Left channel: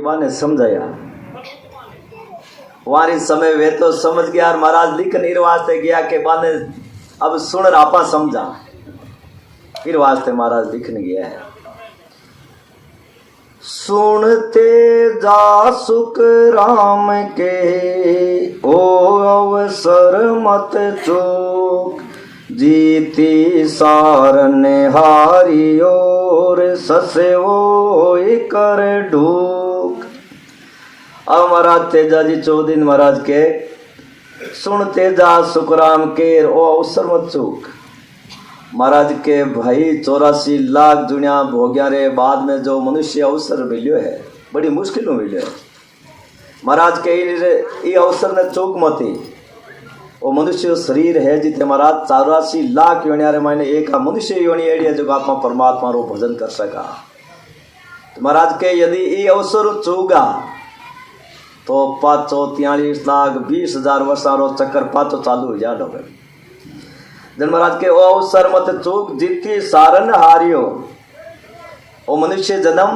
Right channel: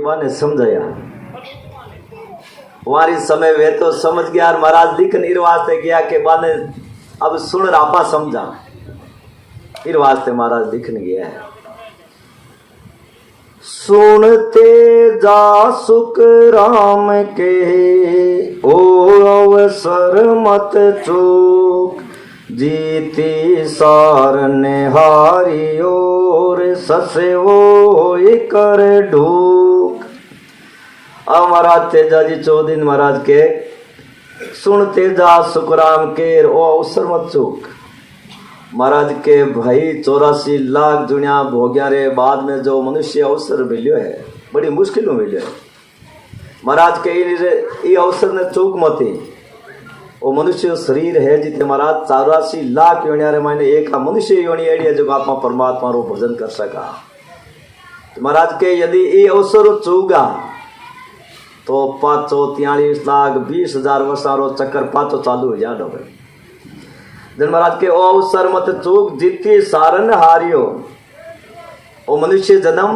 माने समझाया वारी समय वे तो समझ गया और महाराज लिख नीर वास्ते गया के बाने अब सुन आपा समझा फिर वास्ते महाराज लिखने गया है। सुनते जा सुख राम के ओ अवसर मत चूक जीती सारन हारी और ससे वो कर ढूक। अब महाराज तेजा जी 14 दिन महाराज के सुनते जा सुख राम के ओ अवसर मत चूक। महाराज के भाई 84 लाख दुनिया भोग्या रे बाद में जो मनुष्य अवसर मिलियो है बड़ी मुश्किल में मिलियो है। महाराज के ये अवसर ने चूक मती वो मनुष्य शरीर है जिते महाराज 84 लाख योनिया रे मायने एक मनुष्य योनि एडी है जो आप परमात्मा रो भजन कर सका। तो महाराज के यदि ये अवसर चूगा तो 543 लाख 20,000 वर्षारो चक्कर पातो चालू हो जाडो। जन महाराज के ओ अवसर मत चूक जीती सारन हारियो ओ मनुष्य जन्म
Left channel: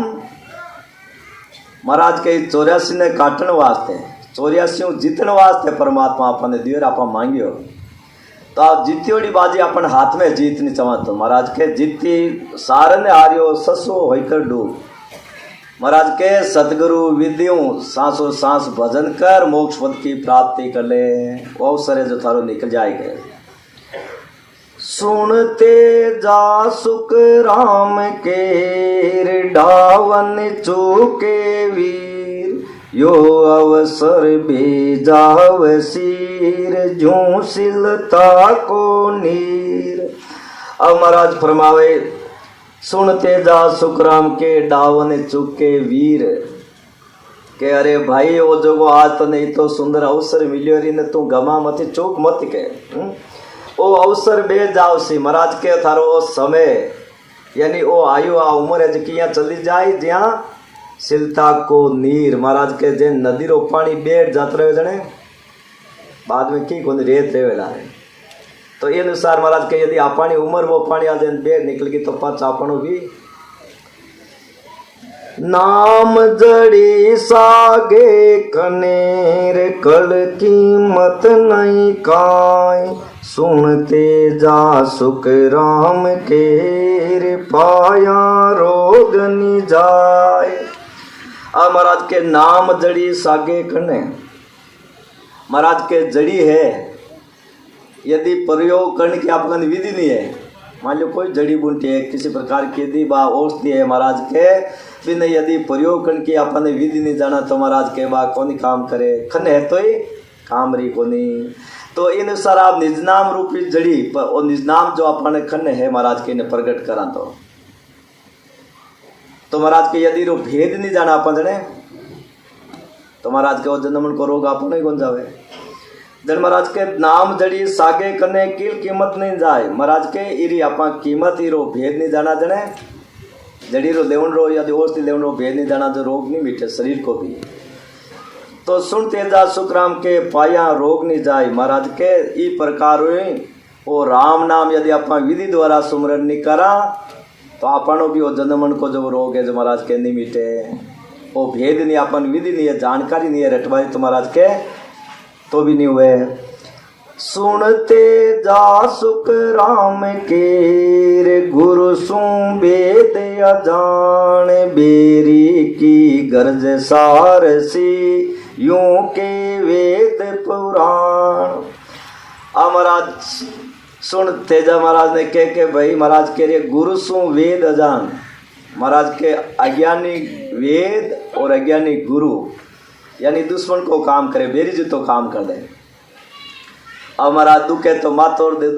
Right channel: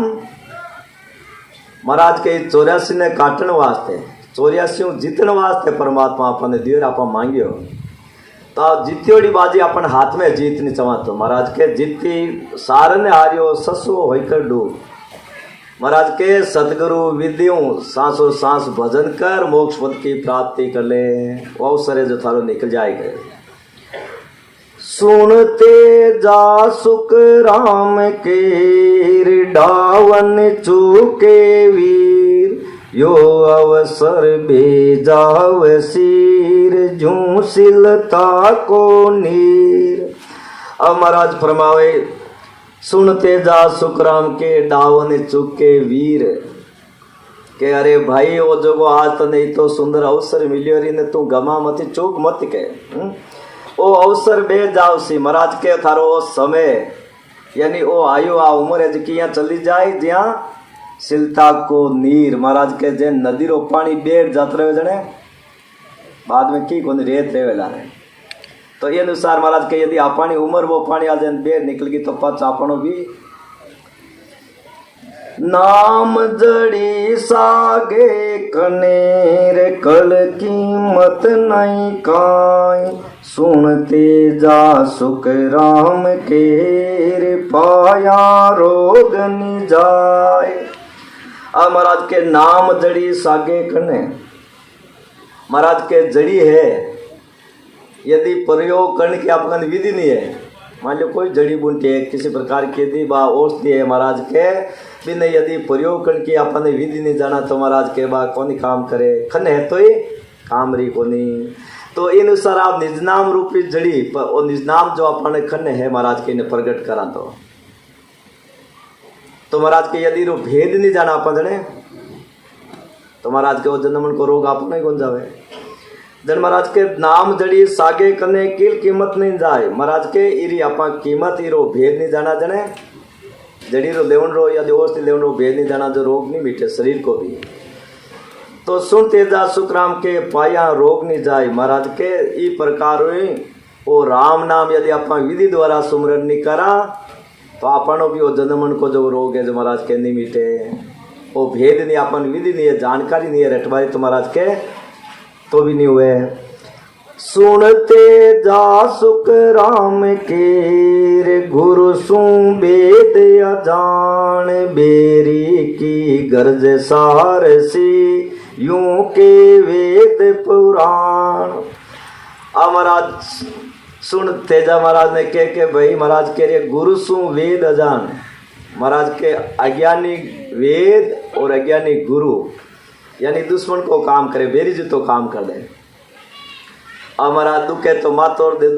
महाराज के 84 ने काटन वास्ते 84 जीतन वास्ते परमात्मा अपने दियर आप मांगियो तो आप जीतियोड़ी बाजी अपन हाथ में जीत नहीं चाहतो। महाराज के जीती सारन हारियो ससो होकर डूब। महाराज के सतगुरु विद्युं सांसों सांस भजन कर मोक्ष पद की प्राप्ति कर ले वो अवसर है जो थारो निकल जाएगा। सुनते जा सुख राम के डावन चूके वीर यो अवसर बेजाव सिर झूसिलता को नीर। अब महाराज फरमावे सुनते जा सुख राम के डावन चूके वीर के अरे भाई वो जो आज तो नहीं तो सुंदर अवसर मिलियो री ने तू गमा मत चूक मत के ओ अवसर बे जाओ सी। महाराज के थारो ओ समय यानी ओ आयु आ उम्र है जी चली जाए ज्या सिलता को नीर। महाराज के जे नदी रो पानी बेट जात रहे जने बाद में की कोनी रेत रेवेला है तो ये अनुसार महाराज के यदि आपानी उम्र वो पानी आ जाए बेट निकल गई तो पाच आपनो भी नाम जड़ी सागे कनेर कल कीमत नहीं काई सुनते जा सुख राम के पाया रोग नि जाए। अब महाराज के नाम जड़ी सागे कने महाराज के जड़ी है यदि प्रयोग करने की आपका विधि नहीं है। मान लो कोई जड़ी बूटी है किसी प्रकार की यदि बा औषधि है महाराज के बिना यदि प्रयोग करने की अपन विधि नहीं जाना तो महाराज के बा कौन काम करे खन है तो ही काम रही कोनी। तो इन अनुसार आप निजनाम रूपी जड़ी और निजनाम जो अपन खन है महाराज के ने प्रकट करा तो महाराज के यदि रो भेद नहीं जाना अपन जने तो महाराज के वो जन्मन को रोग अपन ही गुन जावे। जन महाराज के नाम जड़ी सागे कने की कीमत नहीं जाए। महाराज के इरी आपा कीमत इरो भेद नहीं जाना जने जड़ी रो देवन रो या देवों से देवन रो भेद नहीं जाना जो रोग नहीं मिटे शरीर को भी। तो सुनते जा सुख राम के पाया रोग नहीं जाए। महाराज के ई प्रकार वो राम नाम यदि आपा विधि द्वारा सुमरण नहीं करा तो आपनो भी वो जन्मन को जो रोग है जो महाराज के नहीं मिटे। वो भेद नहीं अपन विधि नहीं है जानकारी नहीं है रटवाई तो महाराज के तो भी नहीं हुए। सुनते जा सुख राम के गुरु सु वेद अजान बेरी की गर्ज सार सी यूं के वेद पुराण। महाराज सुन तेजा महाराज ने के भाई महाराज के रे गुरु सु वेद अजान। महाराज के अज्ञानी वेद और अज्ञानी गुरु यानी दुश्मन को काम करे बेरी जी तो काम कर दे। अब महाराज दुखे तो माँ तोड़ दे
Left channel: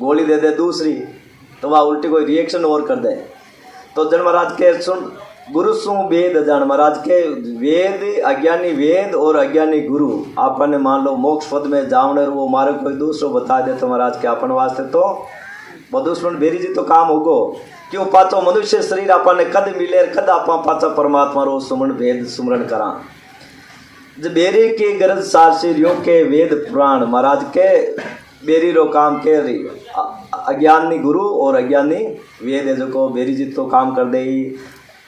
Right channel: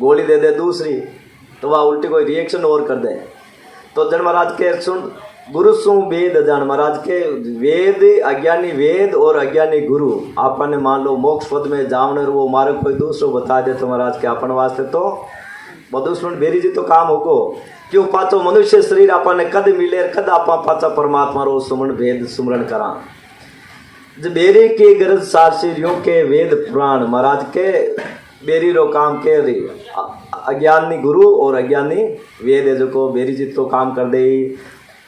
गोली दे दे दूसरी तो वह उल्टी कोई रिएक्शन और कर दे। तो जन महाराज के सुन गुरु सु वेद जान। महाराज के वेद अज्ञानी वेद और अज्ञानी गुरु आपने मान लो मोक्ष पद में जावने वो मारे कोई दूसरो बता दे तो महाराज के अपन वास्ते तो वो दुश्मन बेरी जी तो काम होगो। क्यों पाचो मनुष्य शरीर आपने कद मिले कद आप पाचा परमात्मा रो सुमरण भेद सुमरण करा बेरी की गरज सासिरियों के वेद पुराण। महाराज के बेरी रो काम के अज्ञानी गुरु और अज्ञानी वेद है जो को बेरी जी तो काम कर दे।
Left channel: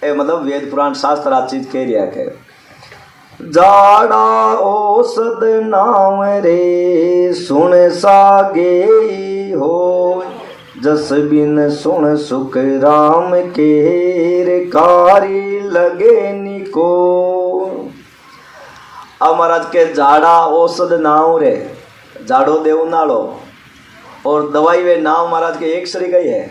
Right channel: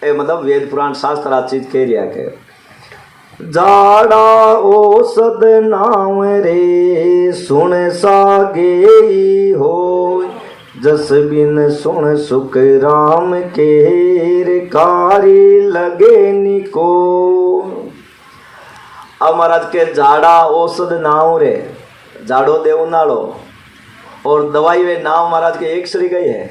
ए मतलब वेद पुराण शास्त्र आ चीज कह लिया के जाड़ा औषध नाम रे सुन सागे हो जस बिन सुन सुख राम के रे कारी लगे निको। अब महाराज के जाड़ा औषध नाम रे जाड़ो देवनालो और दवाई वे नाम महाराज के एक श्री गई है।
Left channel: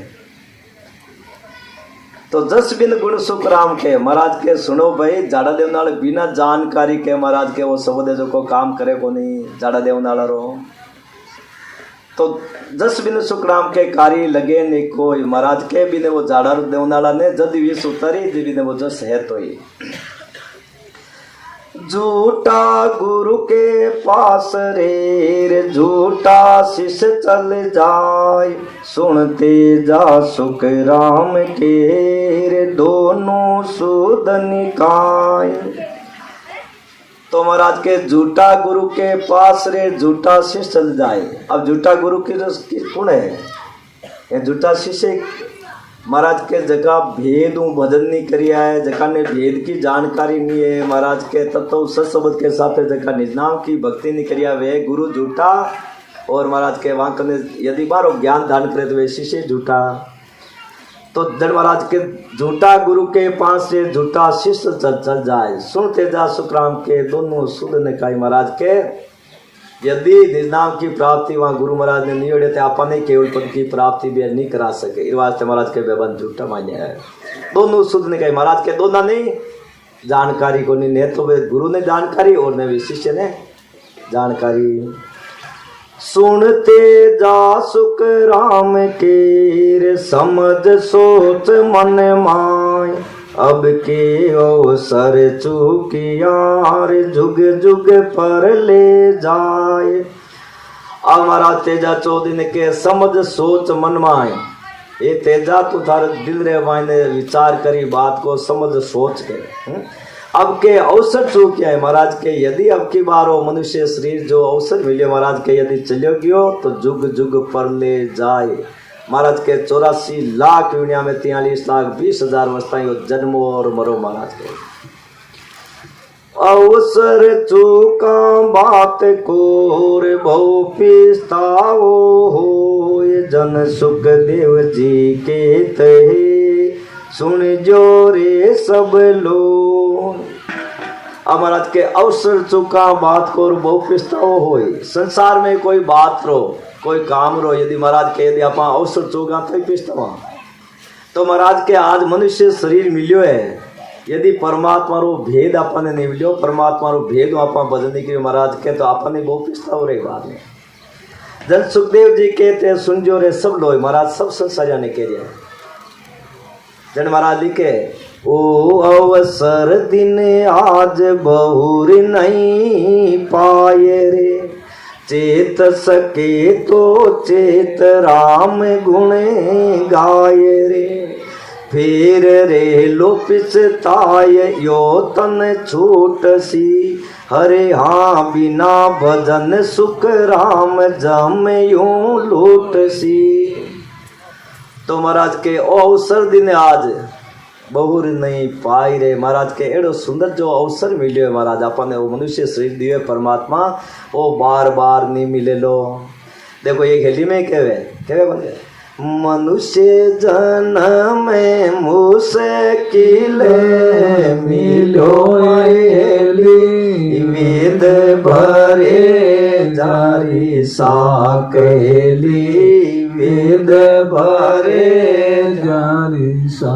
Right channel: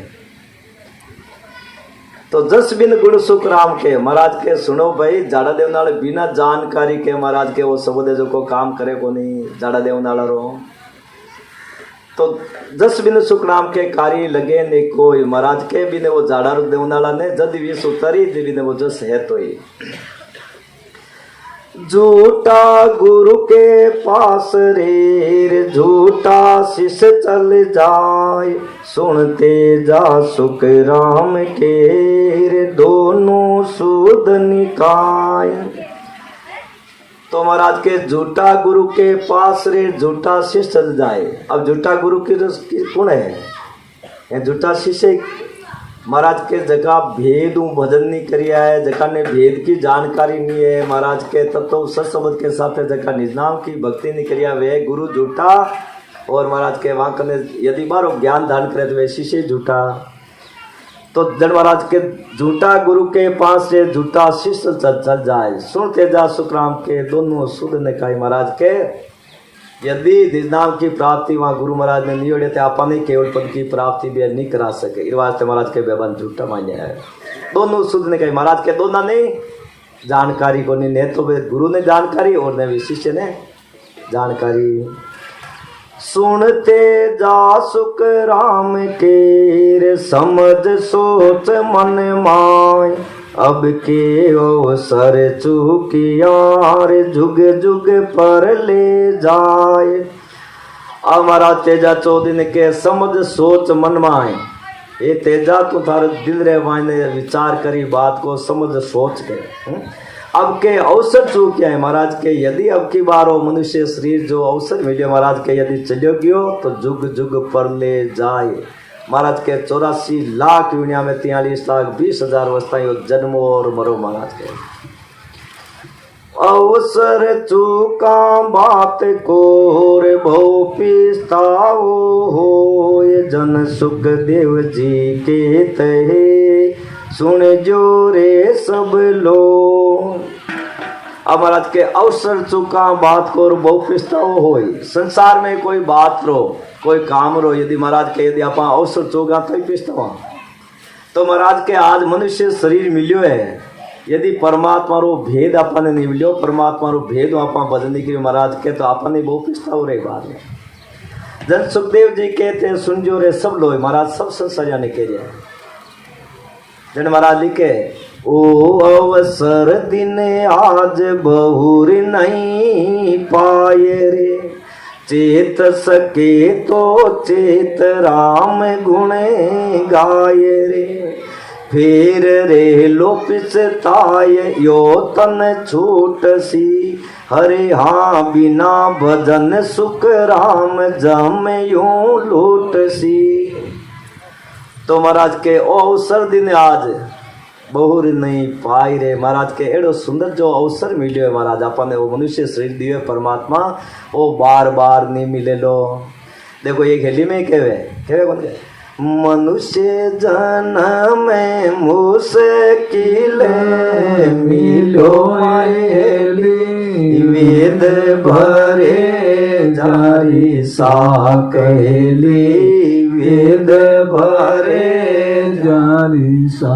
तो जस बिन गुण सुख राम के महाराज के सुनो भाई जाड़ा देवनाल बिना जानकारी के महाराज के वो सबदे जो को काम करे को नहीं जाड़ा देवनाल रो। तो जस बिन सुख राम के कार्य लगे नहीं कोई महाराज के बिने वो जाड़ा देवनाला ने जद भी सुतरी बिने वो जस है तो ही झूठा गुरु के पास रे झूठा शिष्य चल जाए सुनते जा सुख राम के रे दोनों सूद निकाय। तो महाराज के झूठा गुरु के पास रे झूठा शिष्य चल जाए। अब झूठा गुरु की कौन है? ये झूठा शिष्य महाराज के जगह भेद भजन नहीं करिया है, जगह ने भेद की जानकारी नहीं है महाराज के तत्व सत्सबद के साथ जगह निज नाम की भक्ति नहीं करिया वे गुरु झूठा और महाराज के वहां करने यदि बारो ज्ञान दान करे तो वे शिष्य झूठा। तो जन महाराज के झूठा गुरु के पास से झूठा शिष्य चल जाए सुनते जा सुखराम के दोनों सुध ने कहा महाराज के यदि निज नाम की प्राप्ति वहाँ गुरु महाराज ने नहीं होते अपने केवल पद की प्राप्ति भी नहीं करा सके। इस वास्ते महाराज के बेबन झूठा मान्य है। दोनों सुध ने कहे महाराज के दोनों नहीं जानकारी को नहीं ने तो वे गुरु ने जानकारी और ने भी शिष्य ने जानकारी। सुनते जा सुख राम के समझ सोच मन माय अब के अवसर चूकियार जुग जुग पर ले जाए। हमारा तेजा चौदिन के समझ सोच मन माए ये तेजा तो थारे दिल रे मायने विचार करी बात को समझ सोच के अब के अवसर चूकिया है महाराज के यदि अब की बार हो मनुष्य शरीर जो अवसर मिले महाराज के यदि चलो गयो तो जुग जुग पर ले जाए। महाराज के 84 लाख दुनिया में 43,20,000 अवस्थाएं जन्मो और मरो महाराज के अवसर चूका बात को रे भव पिस्ताओ हो जन सुख देव जी के तहे सुन जो रे सब लोग। अब महाराज के अवसर चूका बात को बहु पिस्ताओ हो संसार में कोई बात रो कोई काम रो यदि महाराज के यदि आप अवसर चोगा तो ही पिस्तावा। तो महाराज के आज मनुष्य शरीर मिलियो है यदि परमात्मा रो भेद अपन नहीं मिलियो परमात्मा रो भेद आप बदलने के महाराज के तो अपन बहुत पिस्ताव रहेगा। जन सुखदेव जी कहते सुन जो रे सब लोग महाराज सब संसार जाने के लिए जन महाराज लिखे ओ अवसर दिन आज बहुर नहीं पाए रे चेत सके तो चेत राम गुण गाय रे फिर रे लो पिछताय यो तन छूट सी हरे हाँ बिना भजन सुख राम जम यूं लूट सी। तो महाराज के अवसर दिन आज बहुर नहीं पाई रे महाराज के एड़ो सुंदर जो अवसर मिले महाराज अपन वो मनुष्य शरीर दिए परमात्मा वो बार बार नहीं मिले लो। देखो ये खेली में केवे बन गए मनुष्य जन्म में मुश्किल मिलो वेद भरे जारी साकेली वेद भरे जारी सा।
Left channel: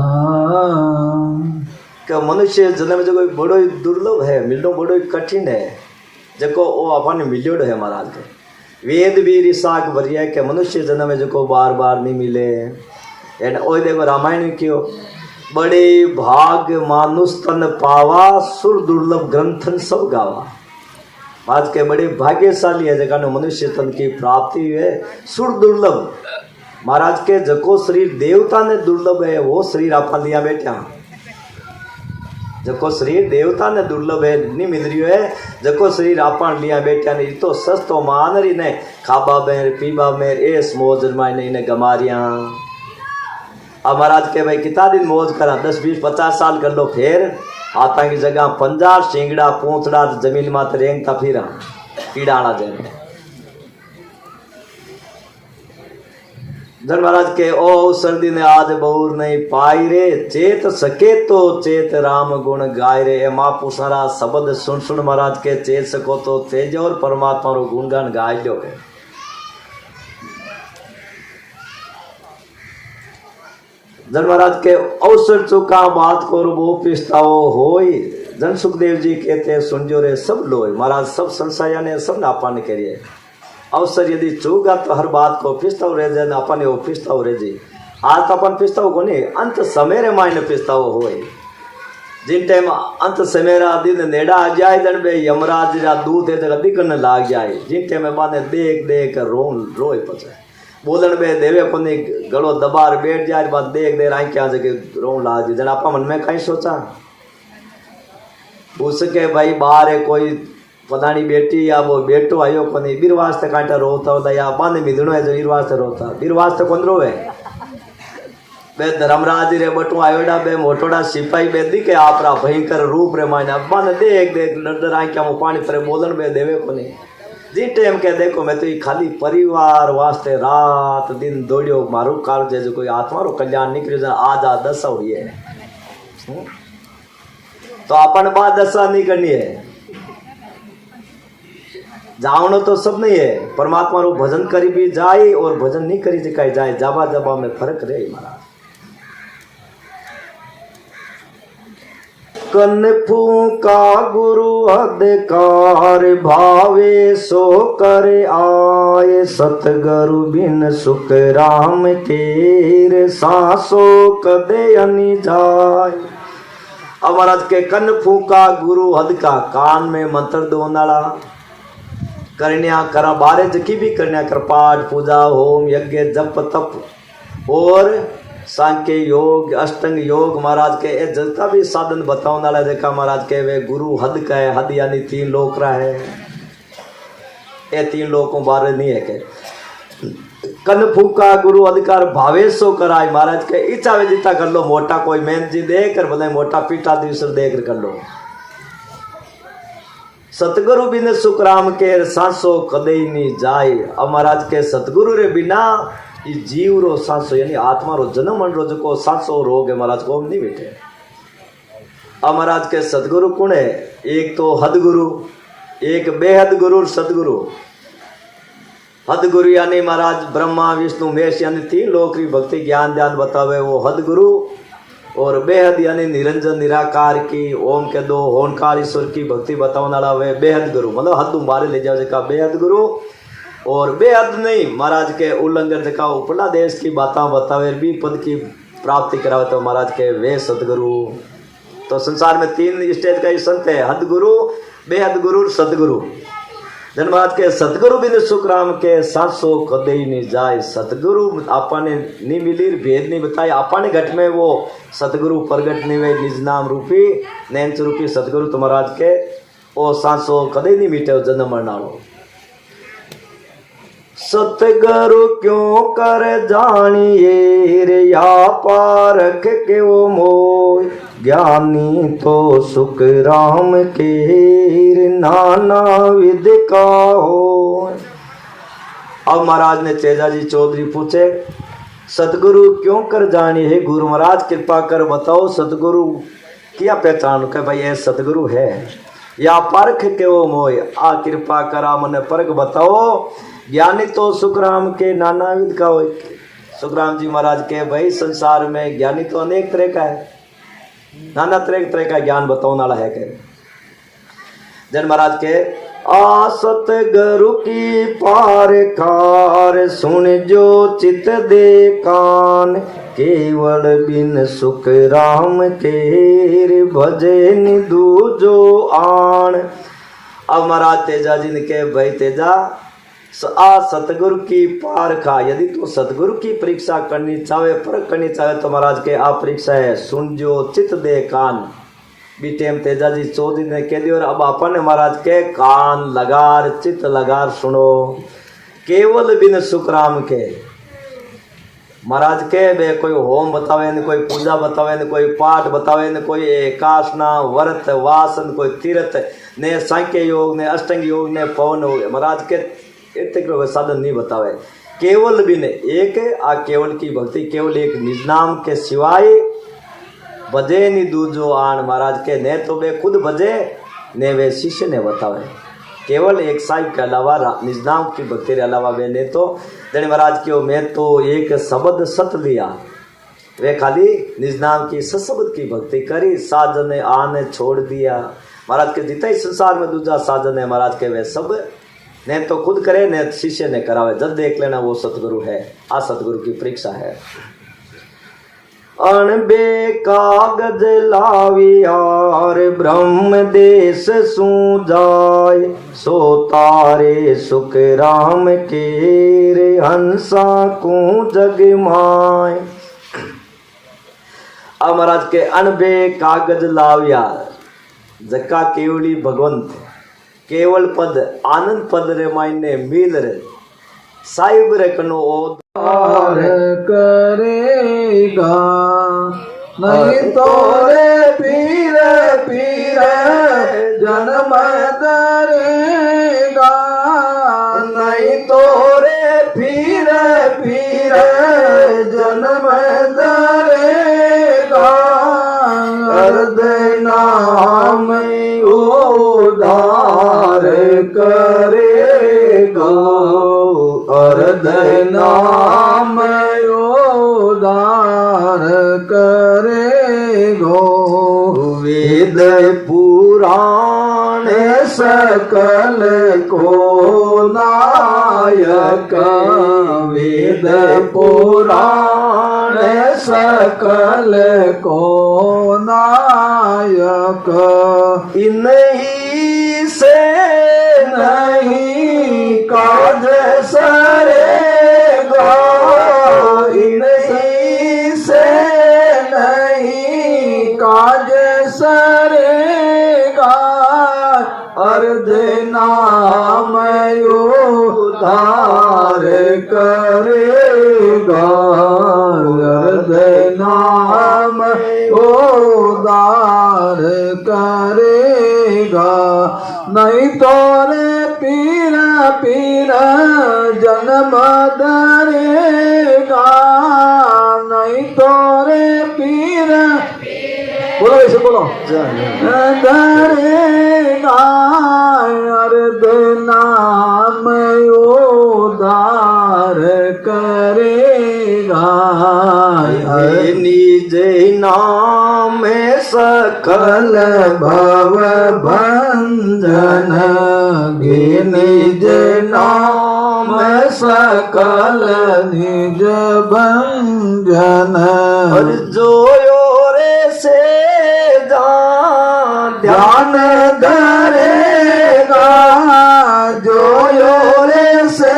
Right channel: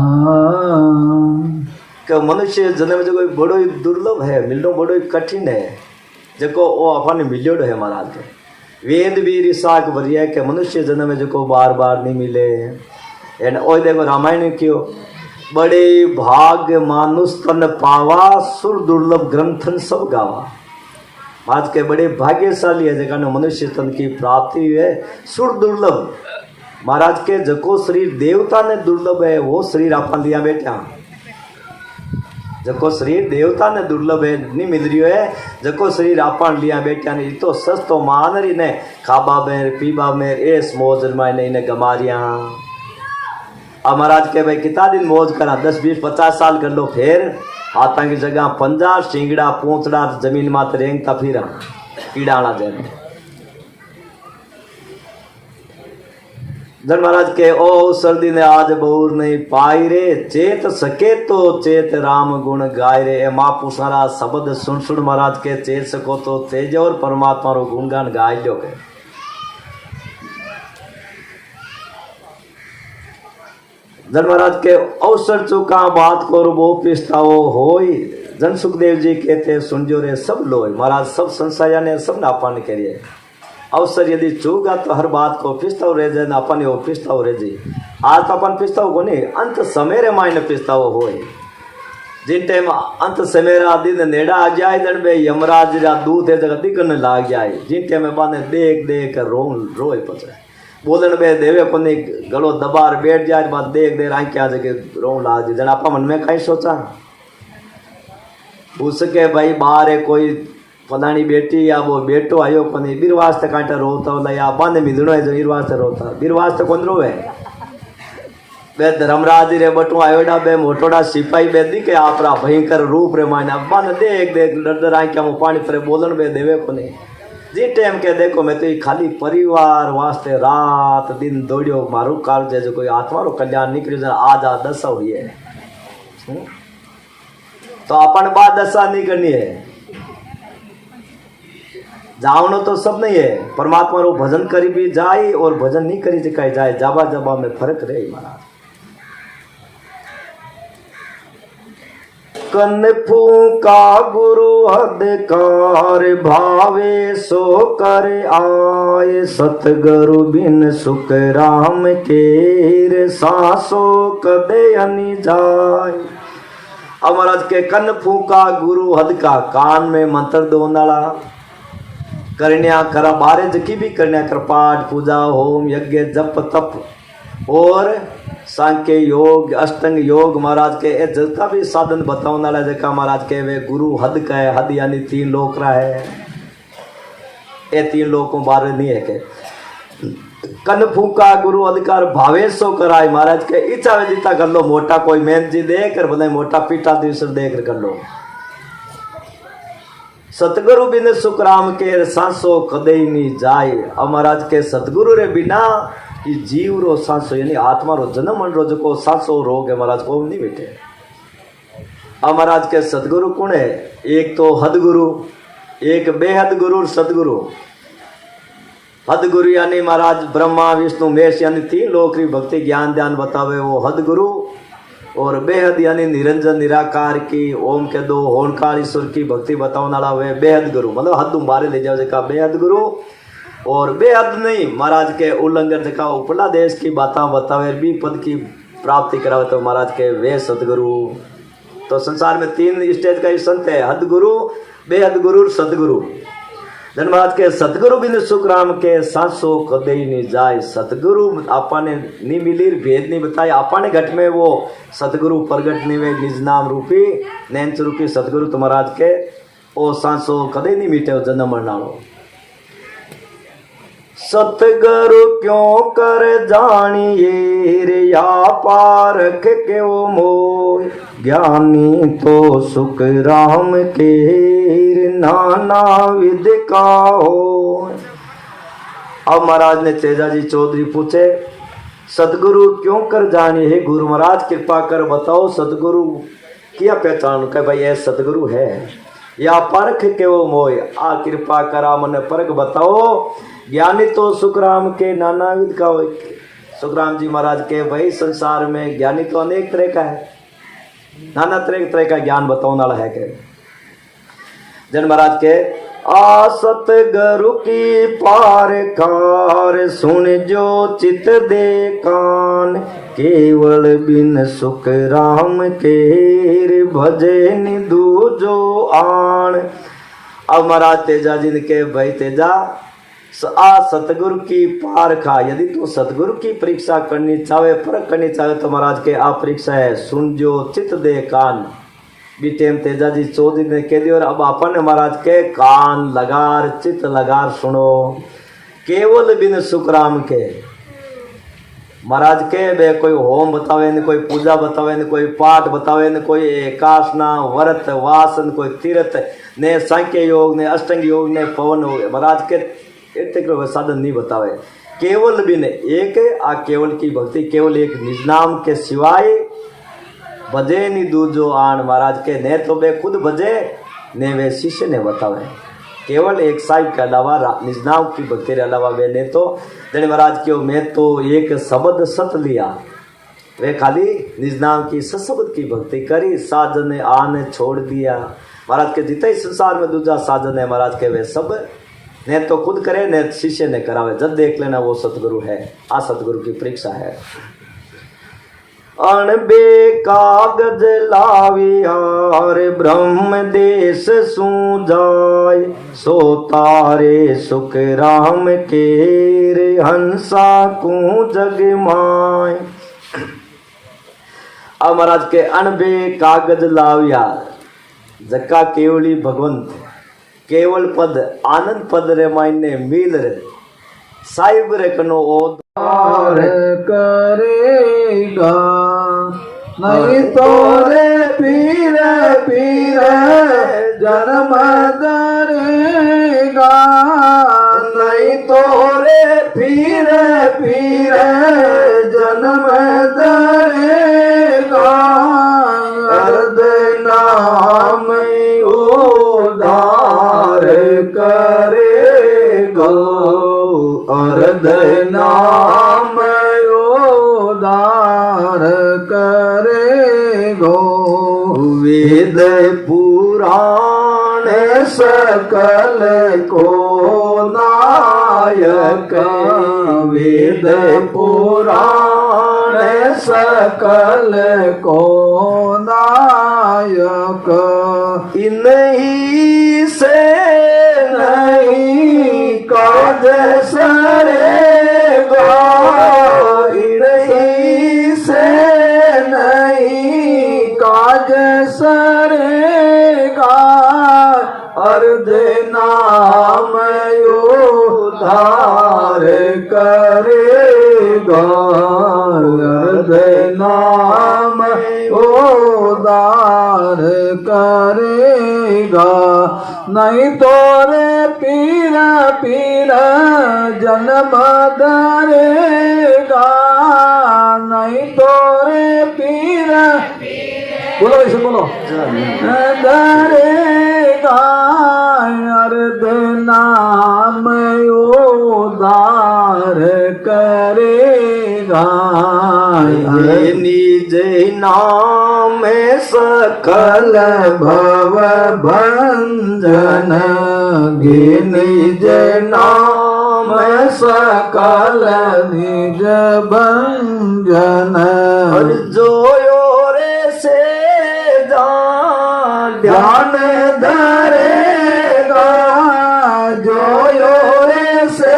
मनुष्य जन्म जो बड़ो ही दुर्लभ है मिलना बड़ो ही कठिन है जको वो अपन मिलियो है महाराज के वेद भी रिसाक भरिया के मनुष्य जन्म में जो बार बार नहीं मिले। एंड ओ देखो रामायण में क्यों बड़े भाग मानुष तन पावा सुर दुर्लभ ग्रंथन सब गावा। आज के बड़े भाग्यशाली है जगह मनुष्य तन की प्राप्ति है सुर दुर्लभ। महाराज के जको शरीर देवता ने दुर्लभ है वो शरीर अपन लिया बेटा जको शरीर देवता ने दुर्लभ है नहीं मिल रही है जको शरीर आपन लिया बेटा ने तो सस्तो मान रही ने खाबा में पीबा में एस मौज मायने ने गमारिया अब महाराज के भाई कितना दिन मौज करा, 10-20-50 साल कर लो, फिर हाथा की जगह पंजा सिंगड़ा पूंछड़ा जमीन मात रेंगता फिर कीड़ा आना देने। जन महाराज के ओ सर्दी ने आज बहुत नहीं पाई रे, चेत सके तो चेत राम गुण गाय रे। महापु सारा शब्द सुन सुन महाराज के चेत सको तो तेज और परमात्मा रो गुणगान गाय जो है। जन महाराज के अवसर चुका बात करो वो पिस्ताओ होई। जन सुखदेव जी कहते सुनजो रे सब लोग महाराज सब संशय ने सब नापान करिए। अवसर यदि चूगा तो हर बात को पिस्ताव रह जाए, अपन वो पिस्ताव रह जाए। आज तो अपन पिस्ताव को नहीं, अंत समय रे मायने पिस्ताव होए। जिन टाइम अंत समय रा दिन नेड़ा आ जाए, जन बे यमराज रा दूध है जगह दिखने लाग जाए। जिन टाइम में बाने देख देख कर रोए पचे बोलन बे देवे को नहीं गलो दबार बैठ जाए, बात देख देर आई क्या जगह रो लाग जाए। जन आप मन में कहीं सोचा उसके भाई बाहर है कोई फलानी बेटी या वो बेटो आयो को नहीं, बीर वास्ते कांटा रोता होला या बांधे मिधड़ो है जो बीर वास्ते रोता, बीर वास्ते कौन रोए। बे धर्मराज रे बटो आयोडा बे मोटोड़ा सिपाही बे दिखे आपरा भयंकर रूप रे मायने बन देख देख डर आई क्या पानी तरह बोलन बे देवे को नहीं। जी टाइम के देखो मैं तो ये खाली परिवार वास्ते रात दिन दौड़ियो मारू काल जैसे कोई आत्मा रो कल्याण निकलियो आधा दशा हुई है। तो अपन बात दशा नहीं करनी है, जावनो तो सब नहीं है। परमात्मा रो भजन करी भी जाए और भजन नहीं करी जिकाई जाए, जाबा जाबा में फर्क रहे। कन फूका गुरु हदकार भावे सो कर आए, सतगुरु बिन सुख राम केर सासो कदे अनि जाए। अब महाराज के कन फूका गुरु हद का कान में मंत्र दो नाला करन्या करा बारे जकी भी करन्या कर पाठ पूजा होम यज्ञ जप तप और सांख्य योग अष्टंग योग महाराज के ए जितना भी साधन बताओ नाला जका महाराज के वे गुरु हद का है। हद यानी 3 लोक रहा है, ये 3 लोकों बारे नहीं है के कन फूका गुरु अधिकार भावेशो कराए। महाराज के इच्छा विदिता कर लो, मोटा कोई मेहनत जी दे कर बोले मोटा पीटा दिवस देख कर लो। सतगुरु बिन सुख राम के सांसो कदे नहीं जाए। अब महाराज के सतगुरु रे बिना ये जीव रो सांसो यानी आत्मा रो जन्म मन रो जो सांसो रोग है महाराज को नहीं बैठे। अब महाराज के सतगुरु कौन है, एक तो हद गुरु, एक बेहद गुरु सतगुरु। हद गुरु यानी महाराज ब्रह्मा विष्णु महेश यानी 3 लोक की भक्ति ज्ञान ध्यान बतावे वो हद गुरु, और बेहद यानी निरंजन निराकार की ओम के 2 होनकार ईश्वर की भक्ति बताने वाला वे बेहद गुरु, मतलब हद बारे ले जाओ जका बेहद गुरु। और बेहद नहीं महाराज के उल्लंघन जका उपला देश की बातें बतावे भी पद की प्राप्ति करावे तो महाराज के वे सतगुरु। तो संसार में 3 स्टेज का ही संत है, हद गुरु, बेहद गुरु, सतगुरु। जन महाराज के सतगुरु बिन सुख राम के सांसो कदे ही नहीं जाए। सतगुरु आपने नहीं मिली, भेद नहीं बताई, आपने घट में वो सतगुरु प्रगट नहीं हुए, निज नाम रूपी नैन रूपी सतगुरु तो महाराज के ओ सांसो कदे नहीं मिटे जन्म मरना। सतगुरु क्यों कर जानिए रे या पारख के वो मोह, ज्ञानी तो सुख राम के नाना विद का हो। अब महाराज ने तेजा जी चौधरी पूछे सतगुरु क्यों कर जानी है। गुरु महाराज कृपा कर बताओ सतगुरु क्या पहचान के भाई ये सतगुरु है या परख के वो मोय। आ कृपा करा मन परख बताओ। ज्ञानी तो सुखराम के नाना विध का हो। सुखराम जी महाराज के भाई संसार में ज्ञानी तो अनेक तरह का है, नाना तरह का ज्ञान बताओ नाला है के। जन महाराज के आ सतगुरु की पार कार सुन जो चित दे कान, केवल बिन सुख राम के भजे निधु जो आन। अब महाराज तेजा जी ने के भाई तेजा आ सतगुरु की पार खा। यदि तू सतगुरु की परीक्षा करनी चाहे परख करनी चाहे तो महाराज के आ परीक्षा है सुन जो चित दे कान। बीटेम तेजा जी चौधरी ने कह दिया और अब अपन महाराज के कान लगार चित लगार सुनो। केवल बिन सुख राम के महाराज के बे कोई होम बतावे ने, कोई पूजा बतावे ने, कोई पाठ बतावे ने, कोई एकासना व्रत वासन, कोई तीर्थ ने, सांख्य योग ने, अष्टांग योग ने, पवन योग। महाराज के इतने कोई साधन नहीं बतावे, केवल भी ने एक आ केवल की भक्ति, केवल एक निज नाम के सिवाय भजे नहीं दूजो आन। महाराज के ने तो बे खुद भजे ने वे शिष्य ने बतावे, केवल एक साहिब के अलावा निज नाम की भक्ति के अलावा वे ने तो जने महाराज क्यों मैं तो एक शब्द सत लिया, वे खाली निज नाम की सशब्द की भक्ति करी, साजन ने आने छोड़ दिया। महाराज के जितना ही संसार में दूजा साजन है महाराज के वे सब ने तो खुद करे ने शिष्य ने करावे, जब देख लेना वो सतगुरु है। आ सतगुरु की परीक्षा है। अणबे कागज लाविया ब्रह्म देश सूजाय, सो तारे सुख राम के रे हंसा को जग माय। अब महाराज के अणबे कागज लाविया, जक्का केवली भगवंत केवल पद आनंद पद रे मायने मिल रे साहिब रे कनो ओदार करेगा, नहीं तो रे पीरे पीरे जन्म दरेगा, नहीं तो रे पीरे पीरे जन्म दरेगा। अर्ध नाम उधार करेगा, अर्ध नाम उधार करेगा। वेद पुराण सकल को नायक, वेद पुराण सकल को नायक। इन्हीं से नहीं काज सरेगा, इन्हीं से नहीं काज सरेगा। अर्ध नाम उधार करेगा, अर्ध नाम उधार करेगा। नहीं तो रे पीर पीर जन्म दरेगा, नहीं तो रे पीर बोलो वैसे बोलो दरेगा। अर्ध नाम उधार करेगा, निज नाम सकल भव भंजन, निज नाम सकल निज भंजन। और जो रे से ध्यान धरेगा, जो रे से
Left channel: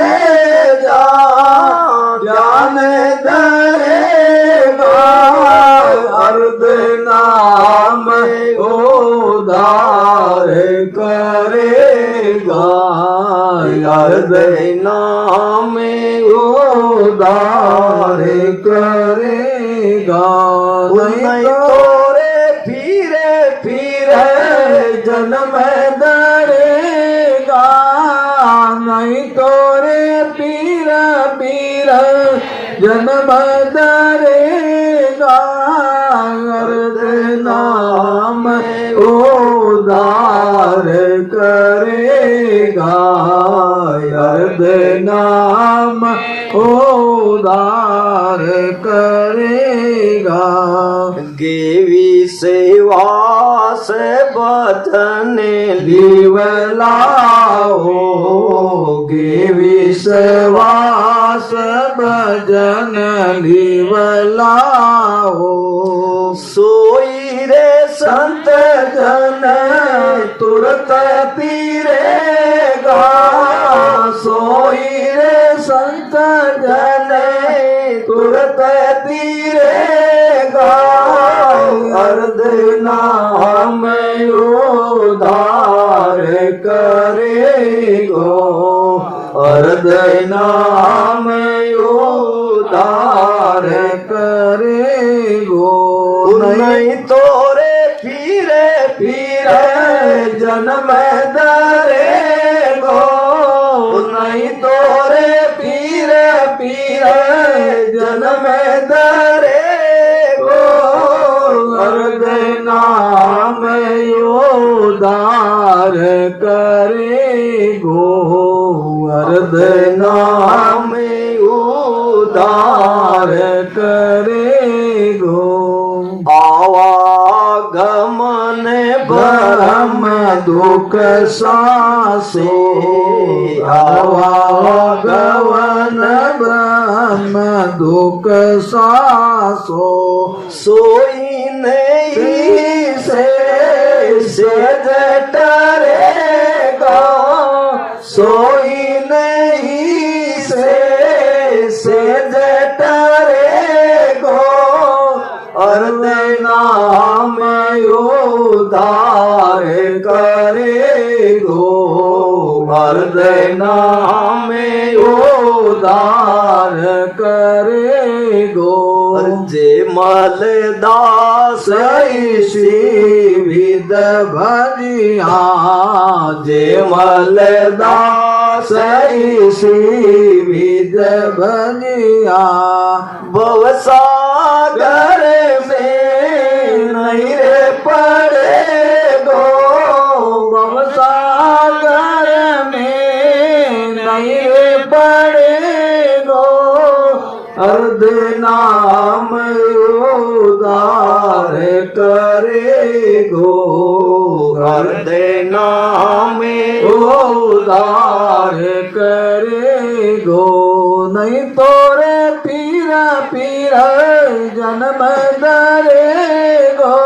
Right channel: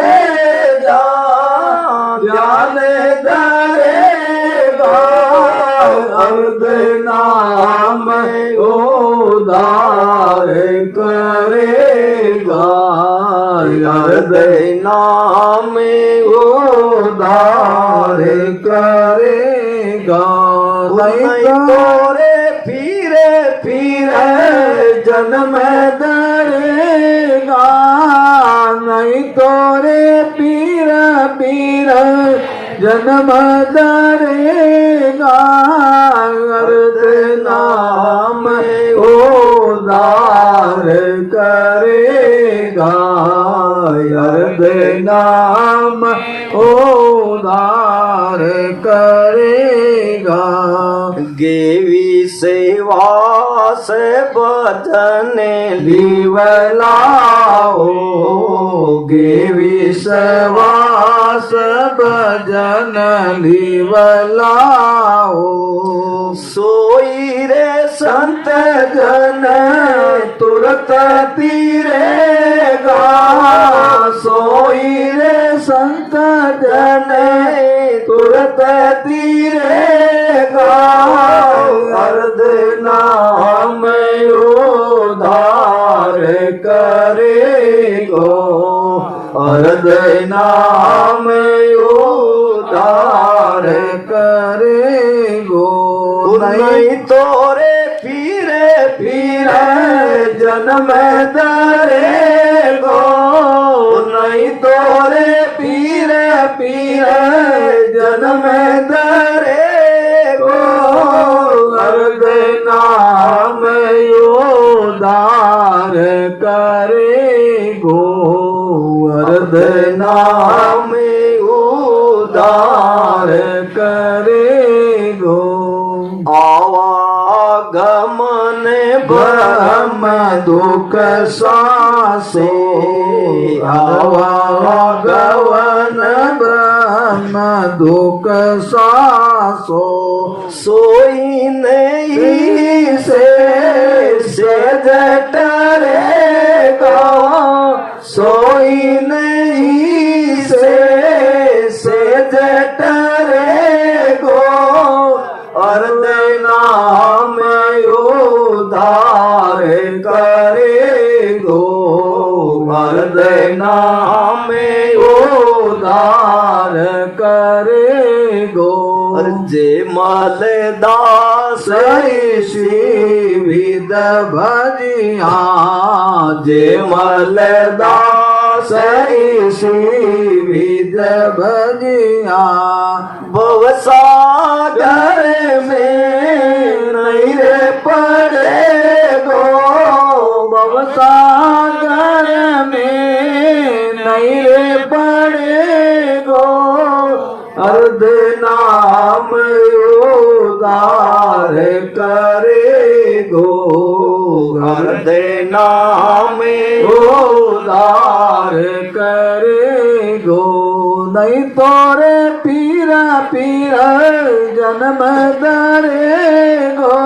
ध्यान धरेगा। अर्ध नाम उधार करेगा, अर्ध नाम उधार करेगा। नहीं तो रे पीरे पीरे जन्म दरेगा, नहीं तो रे पीरे पीरे जन्म दरेगा। अर्ध नाम उधार करेगा, अर्ध नाम उधार करेगा। गेवी सेवा से बचन लिवलाओ, गेवी सेवा से भजन लिवलाओ। सोई रे संत जन तुरत पीरेगा, सोई रे संत जन तुरत पीरेगा। अर्ध नाम उधार करेगा, अर्ध नाम उधार जन्म दरे गो नहीं तोरे पीर पीर जन्म दरे गो अर्ध नाम उदार करे गो अर्ध नाम उदार करे गो आवागमन ब्रह्म दुख सासे आवागमन ब्रह्म दुख सासो सोई नहीं से जटरे गो सोई नहीं से जटरे गो अर्ध नाम उदार करे गो अर्ध नाम उदार करे गो जे Maldas with bhajiya J Maldas with भजिया भवसागर में नहीं रे पड़े गो भवसागर में नहीं रे पड़े गो अर्ध नाम उदार करे गो अर्ध नाम उदार करे गो नहीं तोरे पीरा पीरा जन्म दरे गो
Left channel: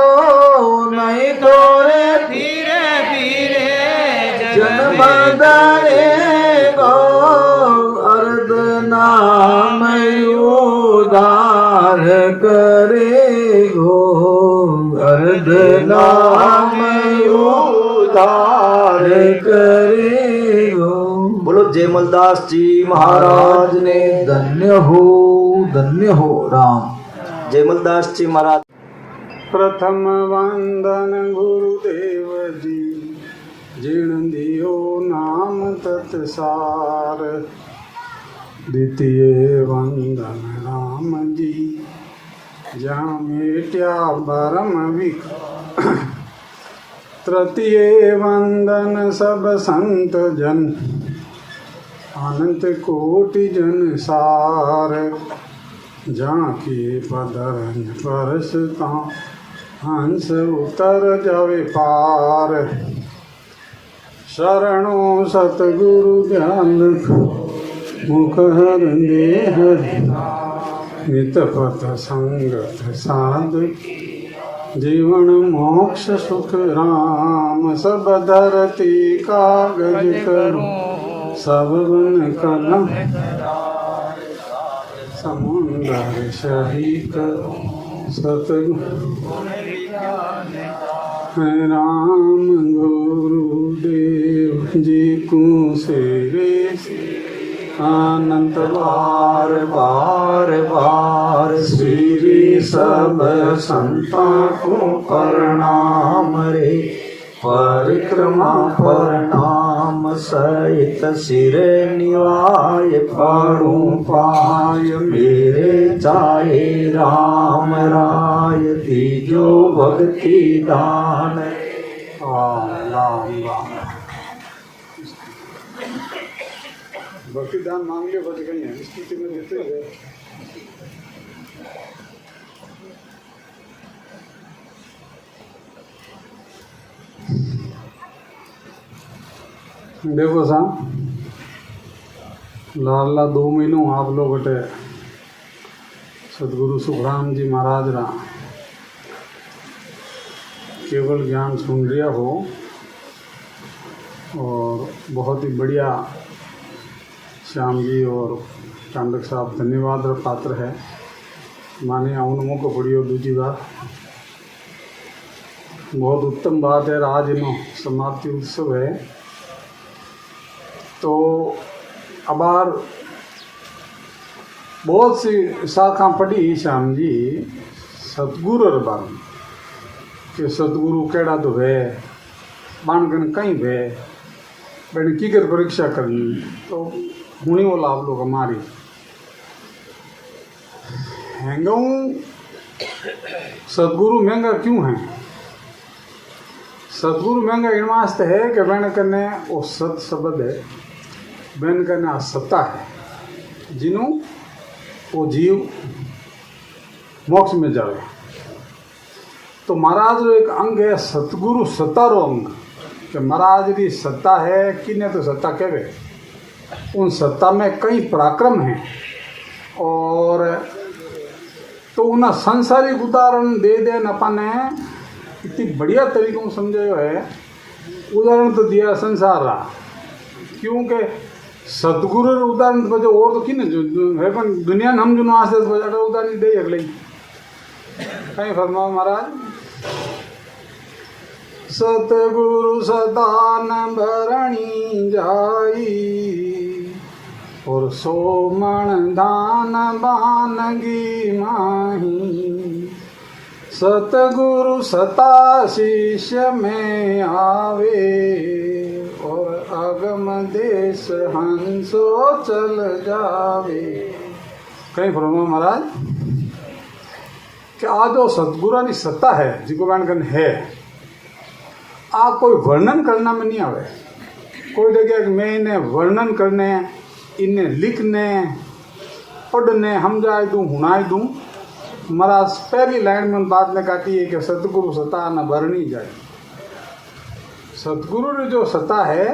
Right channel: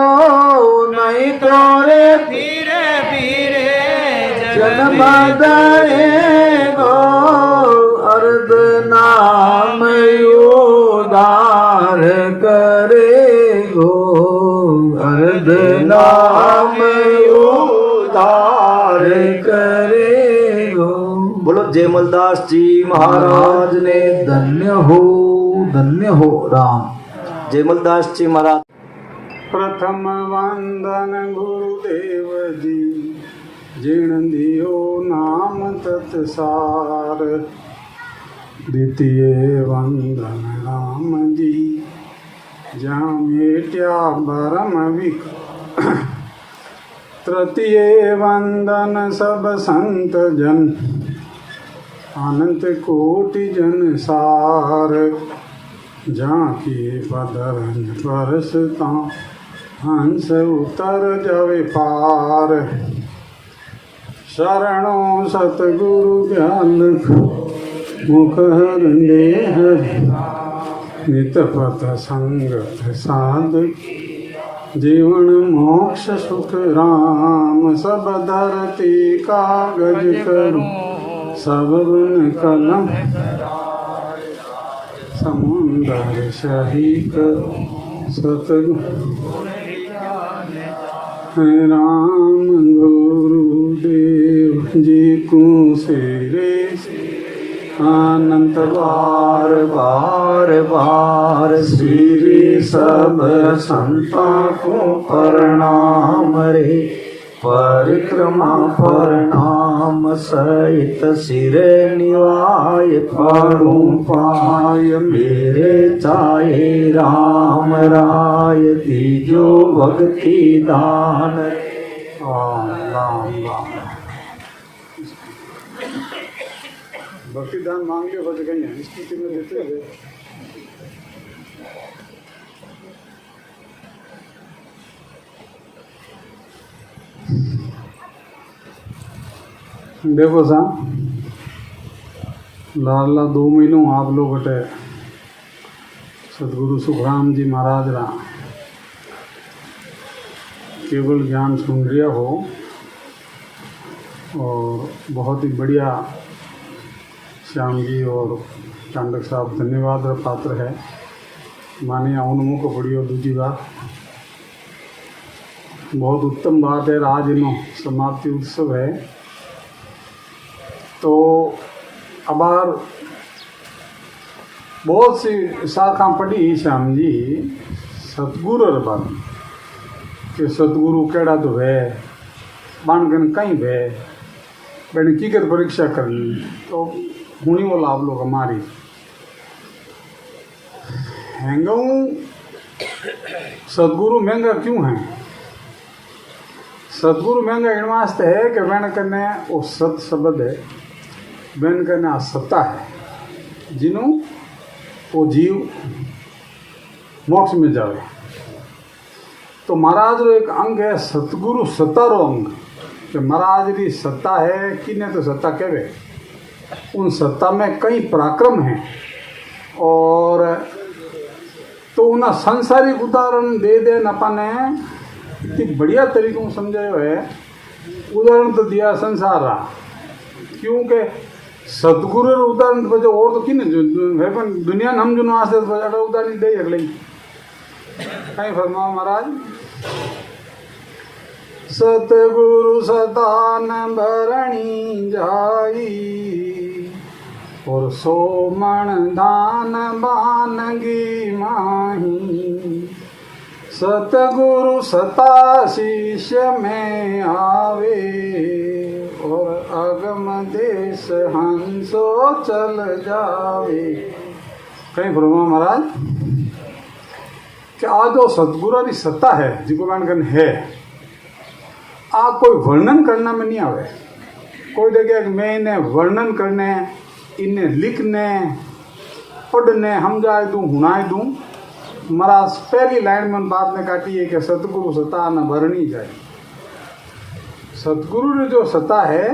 नहीं तोरे पीरे पीरे जन्म दरे गो अर्ध नाम उदार करे गो अर्ध नाम उदार करे गो। बोलो जयमलदास जी महाराज ने धन्य हो राम। जयमलदास जी महाराज। प्रथम वंदन गुरुदेव जी जिण दियो नाम तत्सार द्वितीय वंदन राम जी जहाँ मेट्या भरम विक तृतीय वंदन सब संत जन अनंत कोटि जन सार जहाँ के पदरन परसता हंस उतर जावे पार शरणों सतगुरु ज्ञान मुख हरने हरि नित पथ संगत साधु जीवन मोक्ष सुख राम सब धरती कागज करूं सब बन कलम समुंदर सही करूं सतगुरु राम गुरुदेव जी को सेरे अनंत बार बार बार श्री सब संतों को प्रणाम रे परिक्रमा प्रणाम सहित सिर निवाय पड़ू पाय मेरे चाहे राम राय दीजो भक्ति दान भक्ति दान मांग लियो बच गई है स्थिति में देते हुए देखो सा लाला 2 महीनों आप लोग हटे सदगुरु सुखराम जी महाराज रा केवल ज्ञान सुन लिया हो और बहुत ही बढ़िया श्याम जी और चांडक साहब धन्यवाद और पात्र है माने उनमों को बड़ी और दूसरी बात बहुत उत्तम बात है आज इन समाप्ति उत्सव है तो अबार बहुत सी शाखा पढ़ी श्याम जी सतगुरु बन कि सतगुरु केड़ा तो है बाणगन कहीं भे मैंने की कर परीक्षा करनी तो हुणी वो लाभ लोग हमारी हैंगाऊ सदगुरु महंगा क्यों है? सदगुरु महंगा इन वास्ते है कि मैंने करने वो सत शब्द है, मैंने करने आ सत्ता है जिन्हों वो जीव मोक्ष में जावे। तो महाराज रो एक अंग है सतगुरु सत्ता रो अंग कि महाराज की सत्ता है किन्ने तो सत्ता कहवे। उन सत्ता में कई पराक्रम हैं और तो उन्हें संसारिक उदाहरण दे दे अपने इतनी बढ़िया तरीकों समझायो है। उदाहरण तो दिया संसार रहा क्योंकि सतगुरु उदाहरण तो और तो किन दुनिया हम जो आज उदाहरण दे अगले कहीं फरमा महाराज सतगुरु सदान भरणी जाई और सोमण दान बानगी माही। सतगुरु सता शिष्य में आवे और अगम देश हंसो चल जावे। कहीं ब्रह्मा महाराज कि आ जो सतगुरु की सत्ता है जिको बन है आ कोई वर्णन करना में नहीं आवे। कोई देखे कि मैं इन्हें वर्णन करने इन्हें लिखने पढ़ने समझाए दूँ हुनाए दूँ। महाराज पहली लाइन में बात ने काटी है कि सतगुरु सत्ता न भरनी जाए। सतगुरु ने जो सत्ता है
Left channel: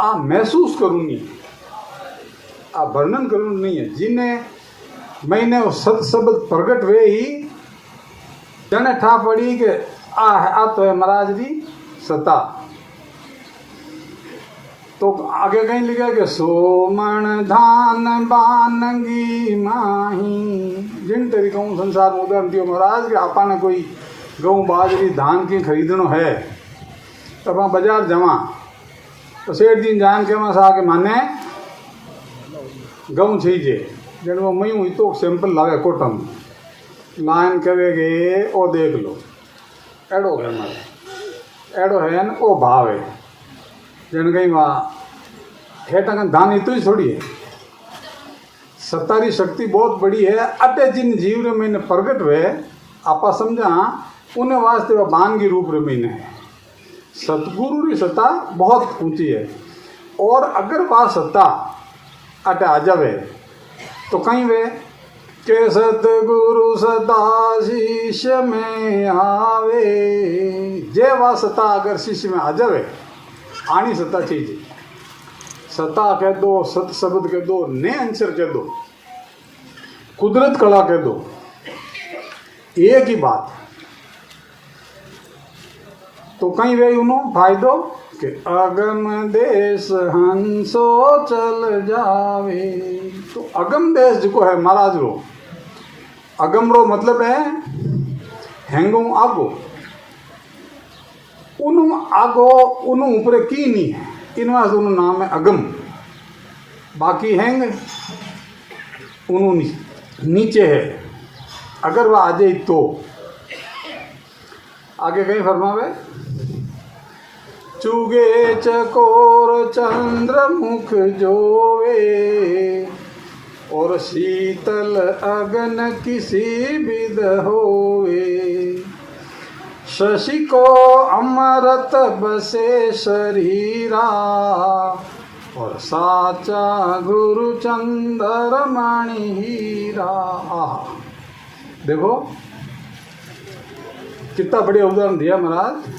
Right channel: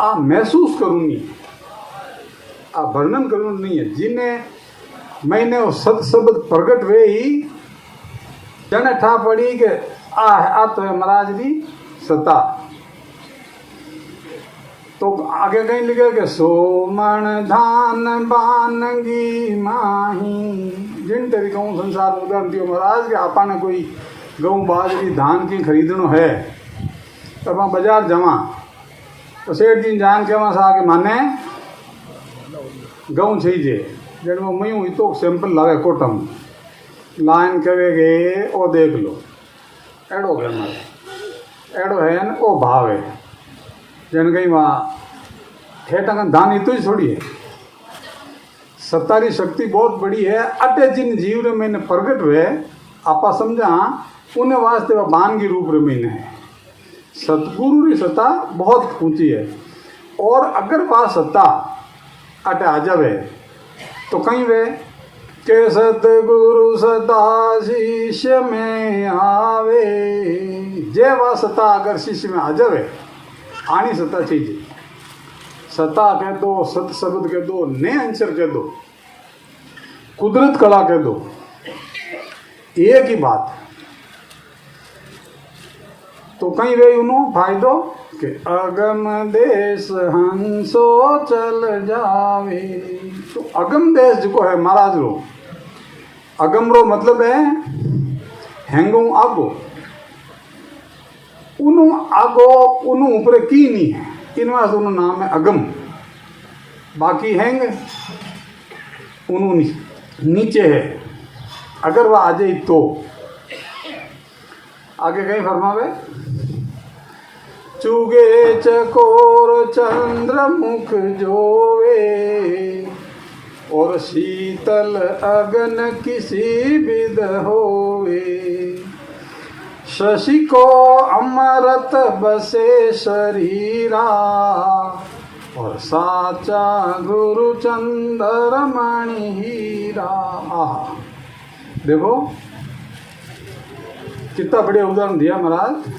आ महसूस करूँगी आ वर्णन करूँ नहीं है। जिन्हें मैंने वो सत शब्द प्रकट हुए ही जने ठा पड़ी कि आ तो है महाराज की सत्ता। तो आगे कहीं लिखा कि सोमण धान बानगी माही। जिन तरीकों संसार में उदाहरण दियो महाराज के आपा ने कोई गेहूँ बाजरी धान की खरीदनो है तो अपना बाजार जमा तो सेठ दिन जान के वहाँ से आके माने गेहूँ चाहिए जब वो मई तो सैंपल लावे कोटम लाइन कहेगे ओ देख लो एडो है एडो है ओ भाव है जन कहीं वहाँ ठेठा धान इतो ही थोड़ी है। सत्तारी शक्ति बहुत बड़ी है। अटे जिन जीव ने मैंने प्रगट हुए आपा समझा उन्हें वास्ते वह बान की रूप रमीन है। सतगुरु की सत्ता बहुत ऊंची है और अगर वह सत्ता अटे आ जावे तो कहीं वे के सतगुरु सदा शिष्य में आवे। जे वह सत्ता अगर शिष्य में आ जावे आनी सत्ता चाहिए। सत्ता कह दो सत शब्द कह दो ने अंशर कह दो कुदरत कला कह दो एक ही बात। तो कहीं वे उन्हों फायदो कि अगम देश हंसो चल जावे। तो अगम देश जो है महाराज रो अगम रो मतलब है हैंगो आगो उन्हों आगो उन्हों ऊपर की नहीं है इन वास्ते उन्हों नाम है अगम। बाकी हैंग उन्हों नीचे है अगर वह आ जाए तो आगे कहीं फरमावे चुगे चकोर चंद्र मुख जोवे और शीतल अगन किसी विद होवे। शशि को अमृत बसे शरीरा और साचा गुरु चंद्र मणि हीरा। देखो कितना बढ़िया उदाहरण दिया महाराज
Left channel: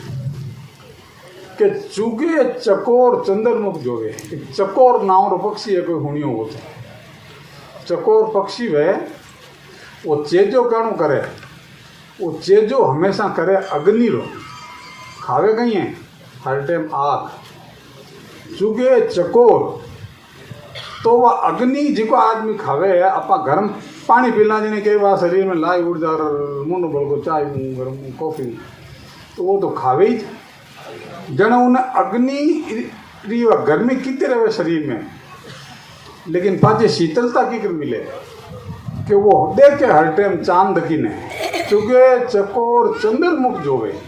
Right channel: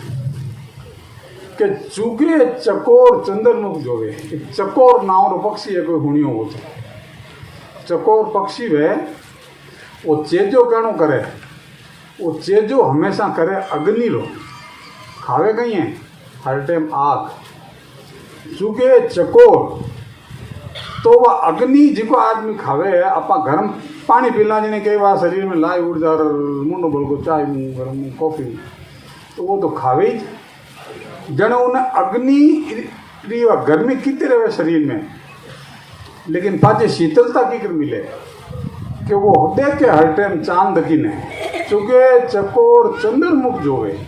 कि चुगे चकोर चंद्रमुख जोगे। चकोर नाम रो पक्षी है कोई हुणी हो चकोर पक्षी वे वो चेजो कहनो करे वो चेजो हमेशा करे अग्नि रो खावे कहीं है हर टाइम आग चुगे चकोर तो वह अग्नि जिको आदमी खावे है अपना गर्म पानी पीना जिन्हें के वहाँ शरीर में लाई ऊर्जा और मुंह बोल को चाय मुँह गर्म मुँह कॉफी तो वो तो खावे ही जन उन्हें अग्नि गर्मी कितने रहे शरीर में लेकिन पाचे शीतलता की कर मिले कि वो देख के हर टाइम चांद की ने चुगे चकोर चंद्रमुख जो गए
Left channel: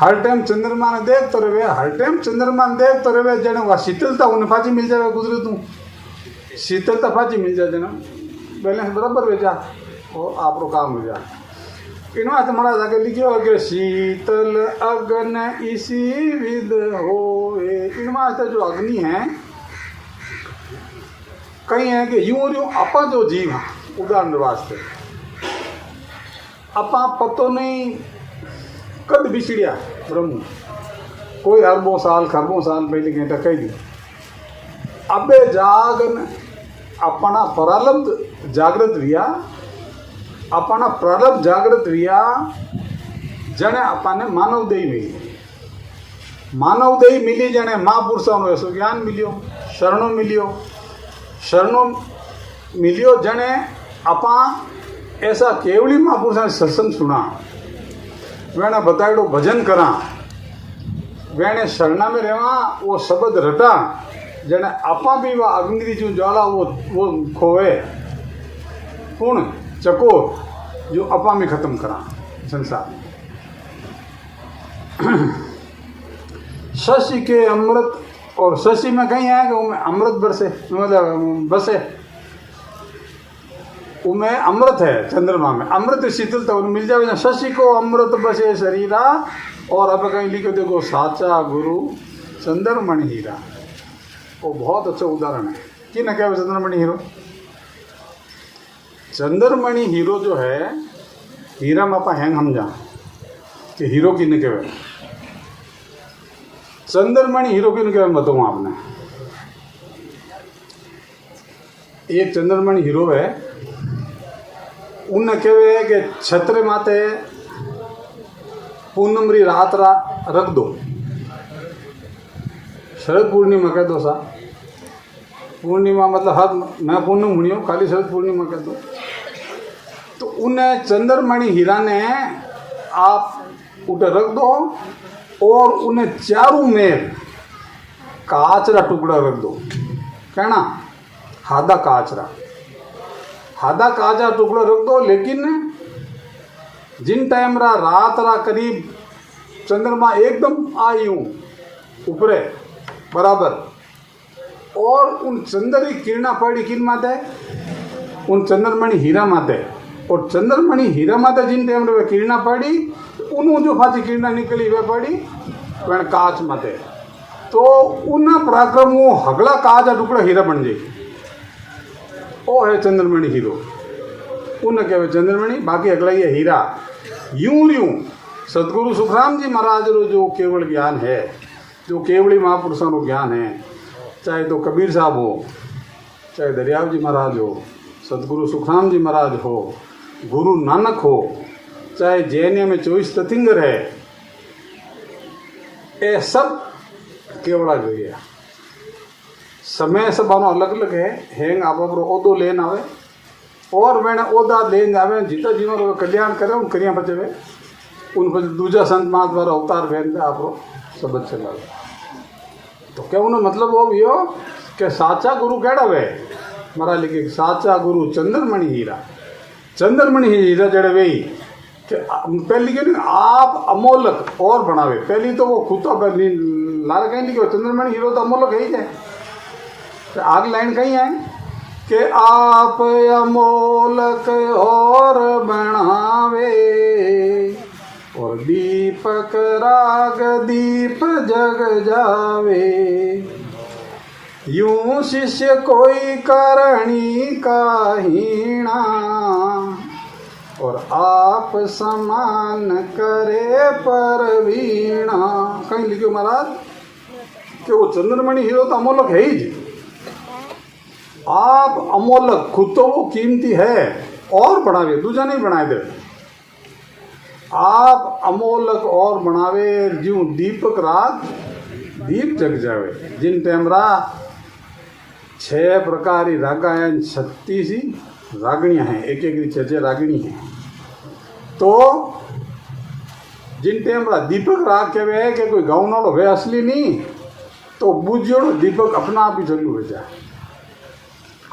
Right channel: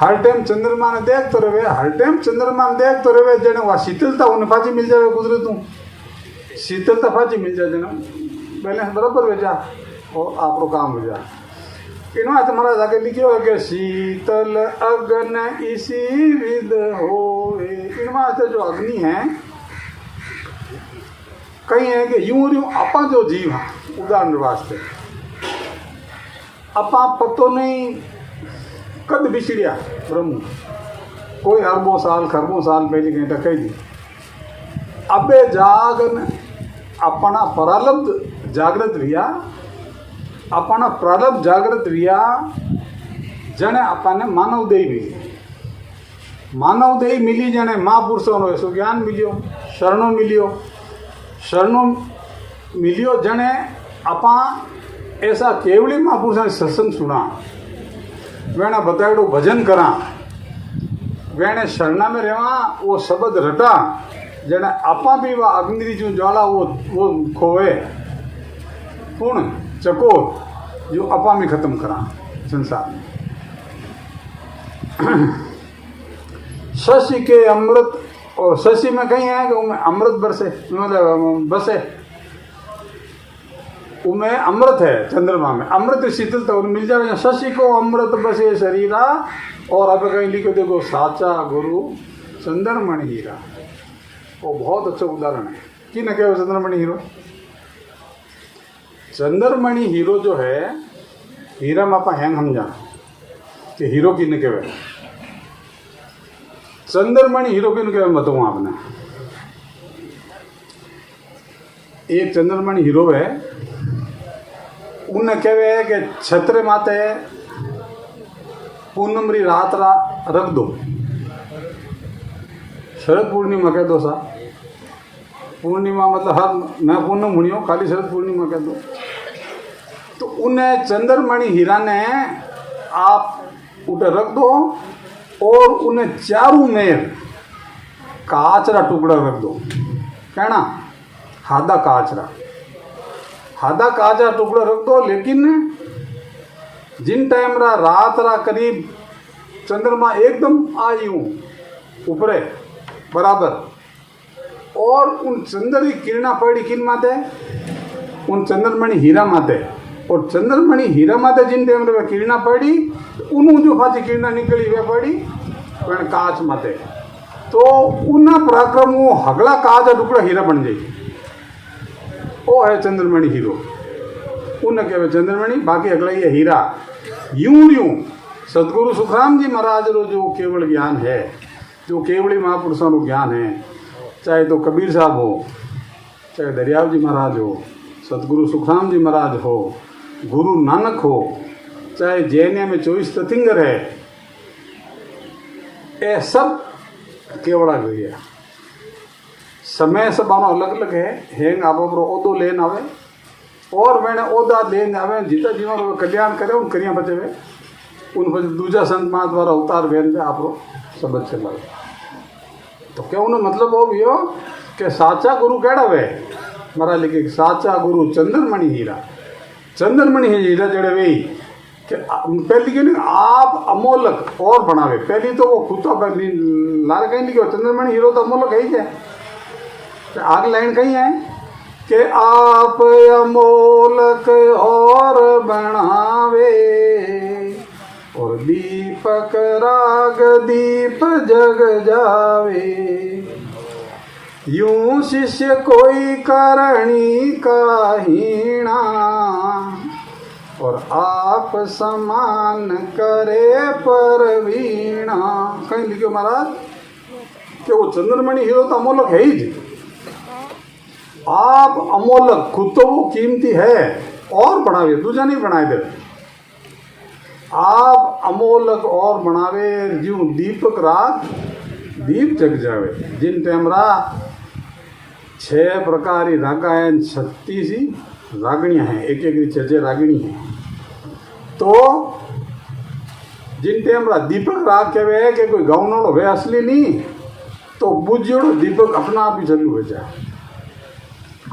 हर टाइम चंद्रमा ने देख तो रहे, हर टाइम चंद्रमा ने देख तो रहे, जने वहाँ शीतलता उन्हें फाची मिल जाए गुजरे तू शीतलता फाची मिल जाए जना बैलेंस बराबर हो जा और आप लोग काम हो जा। इनमें तुम्हारा जाके लिखियो कि शीतल अग्न इसी विद होए। इनमें जो अग्नि है कई है कि यूं यूं अपा जो जीव उदाहरण वास्ते अपा पतो नहीं कद बिछड़िया ब्रह्म कोई अरबों साल खरबों साल पहले कहता कही दी अबे जागन अपना प्रारब्ध जागृत रिया अपना प्रारब्ध जागृत रिया जने अपने मानव देही मिली मानव देही मिली जने महापुरुषों नो ऐसो ज्ञान मिलियो शरणों मिलियो जने अपा ऐसा केवली महापुरुषों ने सत्संग सुना वेने बताएड़ो भजन करा वेने शरणा में रहवा वो शब्द रटा जने आपा भी वह अग्नि जो ज्वाला वो खोवे पूर्ण चकोर जो अपा में खत्म करा संसार में। शशि के अमृत और शशि में कहीं है कि उनमें अमृत बरसे मतलब बसे उनमें अमृत है चंद्रमा में अमृत शीतलता उन्हें मिल जाए। शशि को अमृत बसे शरीरा और अब कहीं लिखो देखो साचा गुरु चंद्रमणि हीरा वो बहुत अच्छा उदाहरण है कि न कहे चंद्रमणि हीरो। चंद्रमणि हीरो जो है हीरा में आप हैंग हम जा कि हीरो की न कहे चंद्रमणि हीरो की न कहे बताऊँ आपने। एक चंद्रमणि हीरो है उन्हें कहे कि छत्र माते पूनम री रात रख दो शरद पूर्णिमा कह दो सा पूर्णिमा मतलब हर मैं पूनम हुई हूँ खाली शरद पूर्णिमा कह दो तो उन्हें चंद्रमणि हीरा ने आप उठे रख दो और उन्हें चारों में काचरा टुकड़ा रख दो कहना हादा काचरा टुकड़ा रख दो। लेकिन जिन टाइम रात करीब चंद्रमा एकदम आई हूँ ऊपरे बराबर और उन चंद्र की किरणा पड़ी किन माते उन चंद्रमणि हीरा माते और चंद्रमणि हीरा माते जिन टाइम रे किरणा पड़ी उन जो फाची किरणा निकली वे पड़ी पण काच माते तो उन पराक्रम वो हगला काच टुकड़ा हीरा बन जाए वो है चंद्रमणि हीरो उन्हें कहवे चंद्रमणि बाकी अगला ये हीरा। यूं सदगुरु सुखराम जी महाराज रो जो केवल ज्ञान है जो केवली महापुरुषों को ज्ञान है चाहे तो कबीर साहब हो चाहे दरियाव जी महाराज हो सदगुरु सुखराम जी महाराज हो गुरु नानक हो चाहे जैनिया में 24 तीर्थंकर है ये सब केवड़ा गई है। समय सब अलग अलग है हेंग आप ओदो लेन आवे और मैंने ओदा लेन आवे जितना जीवन कल्याण करे उन करिया बचे हुए उन पर दूजा संत महात्मा द्वारा अवतार भेज आप सब बच्चे वाले तो क्या उन्हें मतलब हो यो कि साचा गुरु केड़ा वे मरा लिखे साचा गुरु चंद्रमणि हीरा जड़े वे पहली क्यों नहीं आप अमोलक और बनावे पहली तो वो खुद तो लाल कहीं लिखे चंद्रमणि हीरो तो अमोलक है ही जाए आगे लाइन कहीं है कि आप अमोलक और बनावे और दीपक राग दीप जग जावे यूं शिष्य कोई करणी का हीणा और आप समान करे परवीणा। कहीं लिखो महाराज कि वो चंद्रमणि हीरो तो अमोलक है ही जी आप अमोलक खुद तो वो कीमती है और बढ़ावे दूसरा नहीं बनाए दे आप अमोलक और बनावे जीव दीपक रात दीप जग जावे जिन टेमरा 6 प्रकार रागायन 36 रागणियाँ हैं एक एक 6 रागणी हैं तो जिन टेमरा दीपक राग के वे है कि कोई गाँव नो वे असली नहीं तो बुझो दीपक अपना आप ही जरूर हो जाए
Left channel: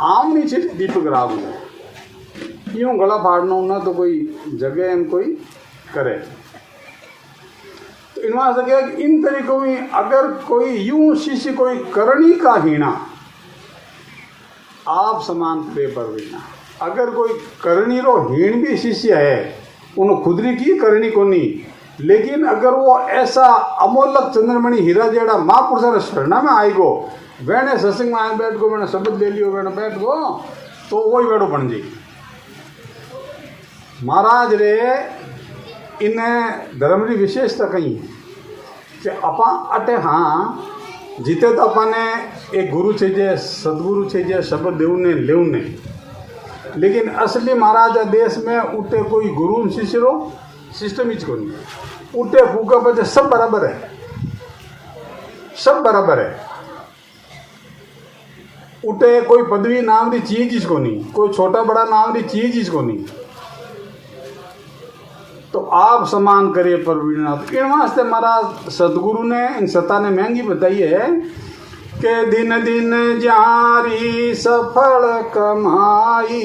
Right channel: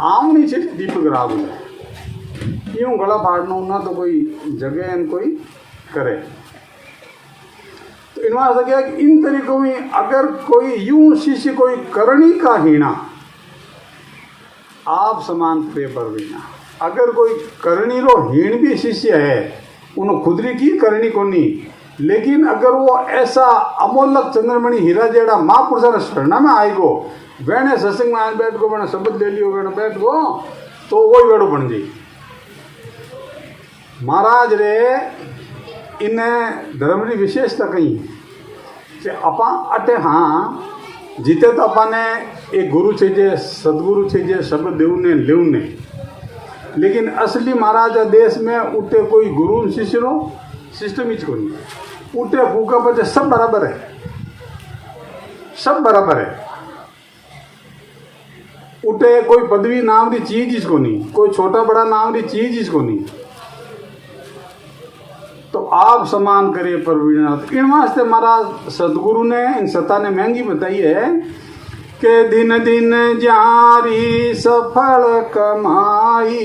आम नहीं चाहिए दीपक राग में यूँ गला फाड़ना ना तो कोई जगह कोई करे तो इनमें ऐसा क्या कि इन तरीकों में अगर कोई यूं शिष्य कोई करणी का हीना आप समान पेपर वीना, अगर कोई करणी रो हीन भी शिष्य है उन्होंने खुदरी की करणी को नहीं, लेकिन अगर वो ऐसा अमोलक चंद्रमणि हीरा जेड़ा महापुरुषा शरणा में आएगो वेने सत्संग में आए बैठ को मैंने शब्द ले लियो वेने बैठ गो तो वही वेड़ो बन गई। महाराज रे इन्हें धर्म की विशेषता कही कि अपा अटे हाँ जीते तो अपने एक गुरु चाहिए सदगुरु चाहिए शब्द देवने लेवने, लेकिन असली महाराजा देश में उठे कोई गुरु शिष्य रो सिस्टम ही को नहीं, उठे फूका बचे सब बराबर है, सब बराबर है। उठे कोई पदवी नाम की चीज इसको नहीं, कोई छोटा बड़ा नाम की चीज इसको नहीं, तो आप समान करिए परवीनाथ। इन वास्ते महाराज सदगुरु ने इन सत्ता ने महंगी बताई है कि दिन दिन जारी सफल कमाई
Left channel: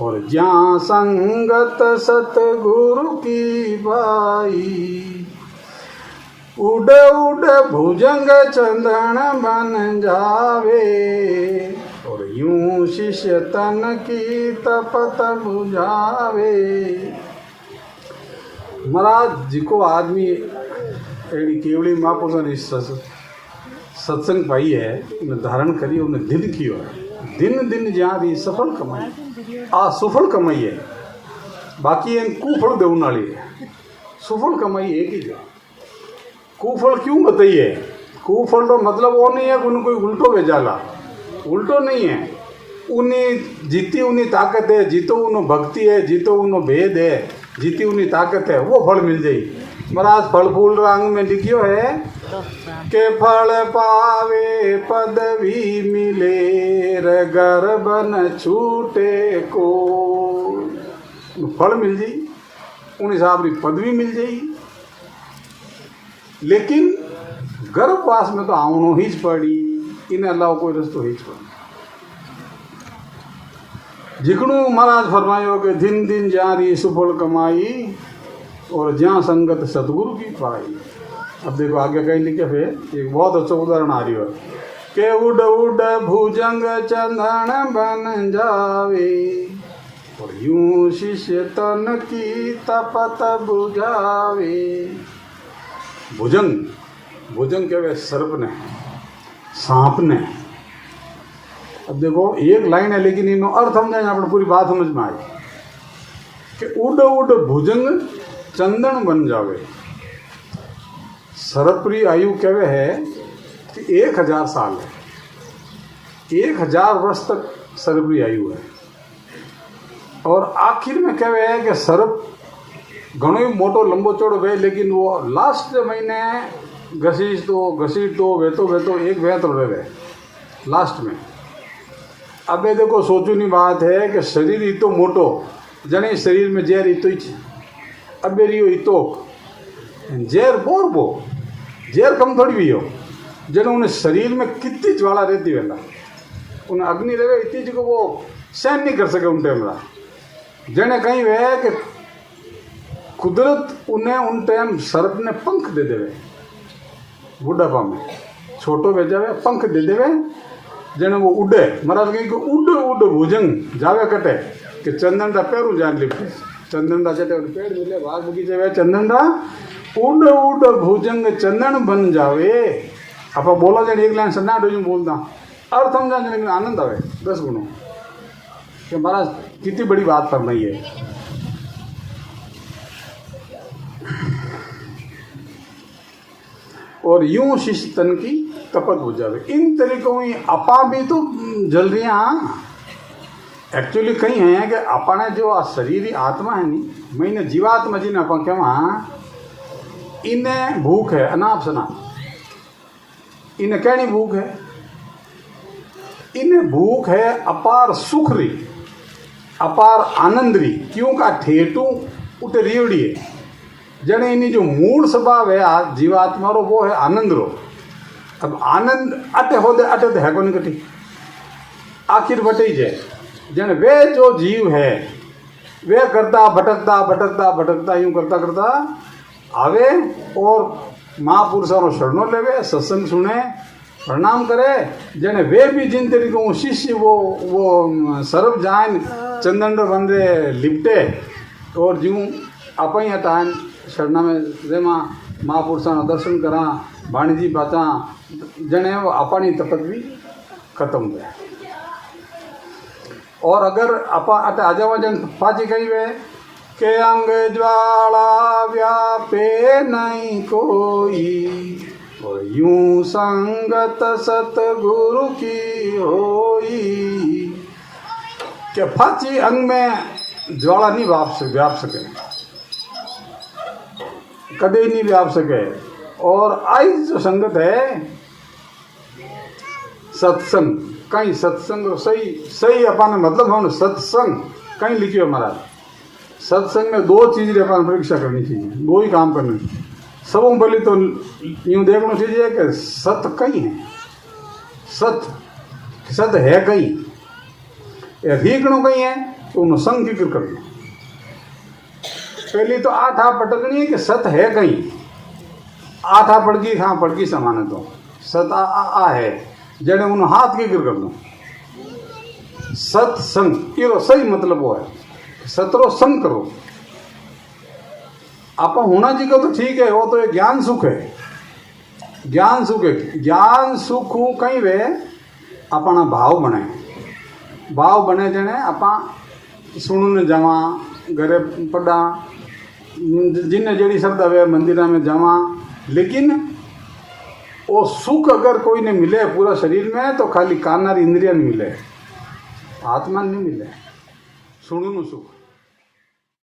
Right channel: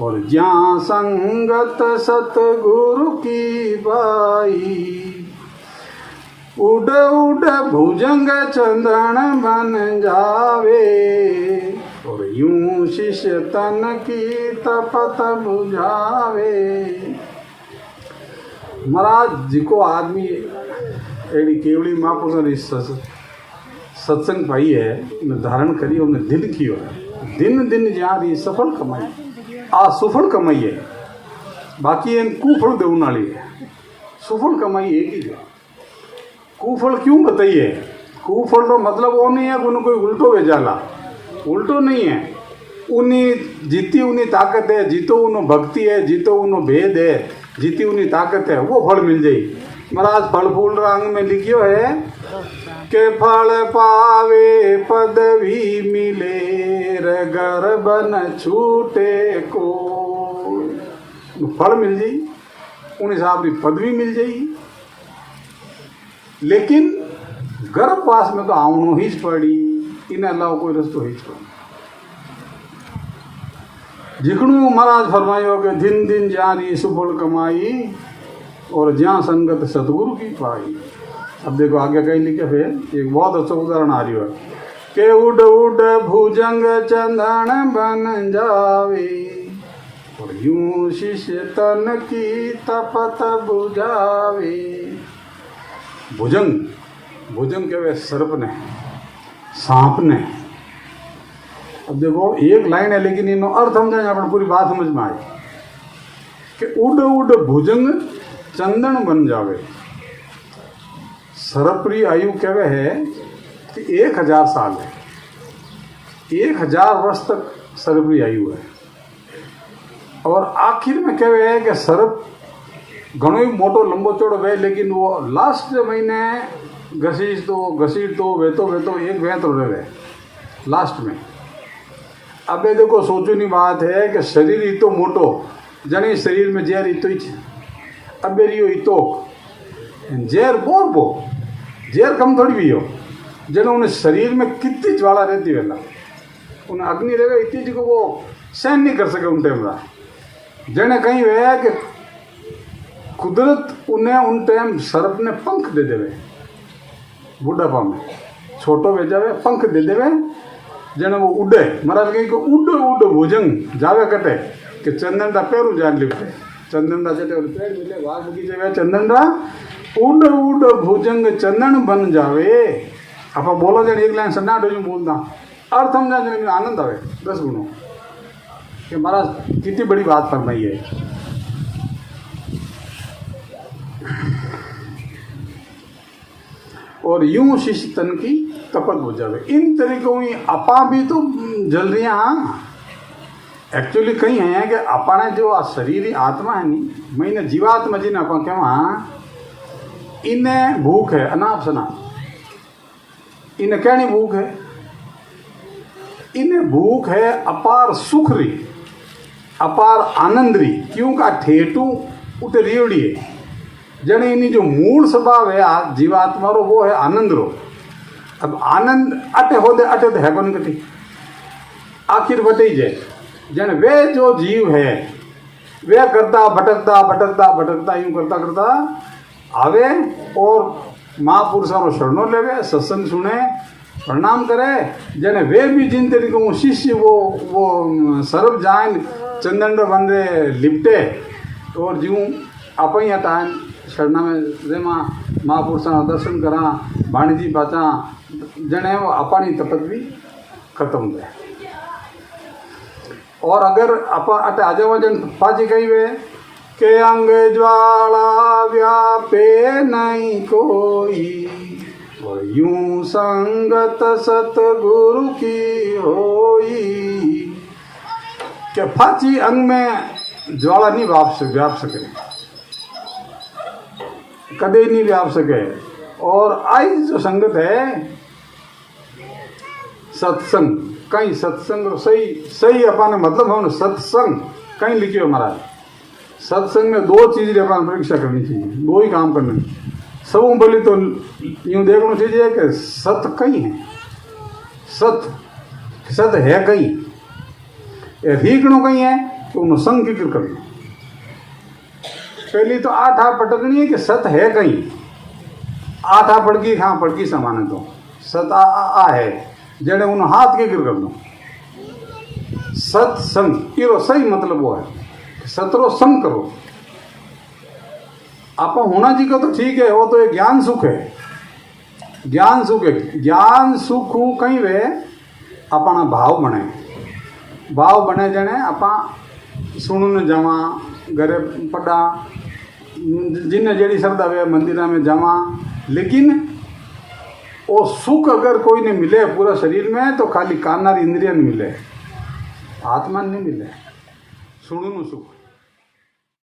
और जहाँ संगत सतगुरु की बाई, उड़ उड़ भुजंग चंदन बन जावे और यूं शिष्य तन की तपत बुझावे। महाराज जी को आदमी एड़ी केवली महापुरुषा सत्संग पाई है, उन्हें धारण करी, उन्हें दिन कियो है, दिन दिन जहाँ भी सफल कमाई आ सफल कमाई है, बाकी इन कुफल देने वाली है, सफल कमाई एक ही है। कुफल क्यों बताइए? कुफल तो मतलब वो नहीं है कि उन्हें कोई उल्टो भेजाला, उल्टो नहीं है, उन्हीं जीती उन्हीं ताकत है, जीतो उन्हों भक्ति है, जीतो उन्हों भेद है, जीती उन्हीं ताकत है, वो फल मिल जाये। महाराज फल फूल रंग में लिखियो है के फल पावे पदवी मिले रगर बन छूटे को, फल मिल जाई उन हिसाब की पदवी मिल जाई, लेकिन गर्भवास में तो आवनो ही पड़ी, इन्हें अलावा कोई रस्तो ही पड़ी। जिकणू महाराज फरमायो कि दिन दिन जारी सुफल कमाई और जहाँ संगत सतगुरु की पाई। अब देखो आगे कहीं लिखे फिर एक बहुत अच्छा उदाहरण आ रही है कि उड़ उड़ भुजंग चंदन बन जावे और यूं शिष्य तन की तपत बुझावे। भुजंग भुजंग कहवे सर्प ने, सांप ने। अब देखो एक लाइन है लेकिन इनो अर्थ समझाएं, आपने पूरी बात समझ में आई कि उड़ उड़ भुजंग चंदन बन जावे। सर्परी आयु कहवे है कि 1000 साल है, 1000 वर्ष तक सर्परी आयु है। और आखिर में कहवे है कि सर्प घणो ही मोटो लंबो चौड़ो वे, लेकिन वो लास्ट महीने घसीट तो वेतो एक वे तो वे लास्ट में। अब ये देखो सोचूनी बात है कि शरीर ही तो मोटो जने शरीर में जहर ही तो ही, अब रियो ही तो जहर बो जहर कम थोड़ी भी हो, जने उन्हें शरीर में कितनी ज्वाला रहती है, उन्हें अग्नि रहे इतनी जी को वो सहन नहीं कर सके उन टाइम का। जने कहीं वे कि कुदरत उन्हें उन टाइम सर्प ने पंख दे देवे, बुढ़ापा में छोटो भेजा वे पंख दे देवे, जने वो उड़े। महाराज कहीं को उड़ उड़ भुजंग जावे कटे कि चंदन का पैर जान लिपटे, चंदन का चटे पेड़ मिले बाग बगीचे में चंदन का उड़ उड़ भुजंग चंदन बन जावे। आप बोलो जन एक लाइन सन्ना डो बोलता अर्थ समझा जने में आनंद आवे 10 गुणों कि महाराज कितनी बड़ी बात फरमाई है। और यूं शिष्य तन की तपत बुझावे। इन तरीकों में अपा भी तो जल रही एक्चुअली कहीं है कि अपने जो शरीर आत्मा है नी, मैंने जीवात्मा जी ने अपन क्या इन्हें भूख है अनाप सना, इन्हें कहनी भूख है, इन्हें भूख है अपार सुख री, अपार आनंद री। क्यों का ठेठू उते रियोड़ी है, जने इन्हीं जो मूल स्वभाव है जीवात्मा रो वो है आनंद रो। अब आनंद अटे हो दे अटे तो है कौन कटी आखिर बटे ही जाए। जन वे जो जीव है वे करता भटकता यूं करता आवे और महापुरुषों शरणों लेवे, सत्संग सुने, प्रणाम करे। जने वे भी जिन तरीके शिष्य वो सरब जान चंदन बंदे लिपटे और जूं अपन हटाएं शरणा में जेमा महापुरुषों दर्शन करा, वाणी जी बाचा जने अपनी तकत भी खत्म हो जाए। और अगर आप अट आ जाओ जन पाजी कही वे के अंग ज्वाला व्यापे नहीं कोई, और यूं संगत सतगुरु की होई। के फाची अंग में ज्वाला नहीं व्याप सके, कदे नहीं व्याप सके। और आई जो संगत है सत्संग, कहीं सत्संग सही अपन मतलब हम सत्संग कहीं लिखियो महाराज। सत्संग में दो चीज अपन परीक्षा करनी चाहिए, दो ही काम करने। सब बोली तो यूं देखना चाहिए कि सत कहीं है, सत है कहीं, रीकणो कहीं है तो उन्हें संग की कर करनी। पहली तो आठा पटकनी है कि सत है कहीं, आठा पड़की हाँ पड़की समान है तो सत आ है जड़े उन हाथ की गिर करना। सत्संग ये सही मतलब वो है, सतरो संग करो। आप होना जी का तो ठीक है, वो तो एक ज्ञान सुख है, ज्ञान सुख है। ज्ञान सुख कहीं वे अपना भाव बने, भाव बने जने अपा सुनने जावा, घरे पढ़ा, जिन्हें जड़ी शब्द वे मंदिर में जावा। लेकिन वो सुख अगर कोई ने मिले पूरा शरीर में तो खाली कानार इंद्रियन मिले, आत्मा नहीं मिले, सुनू सुख।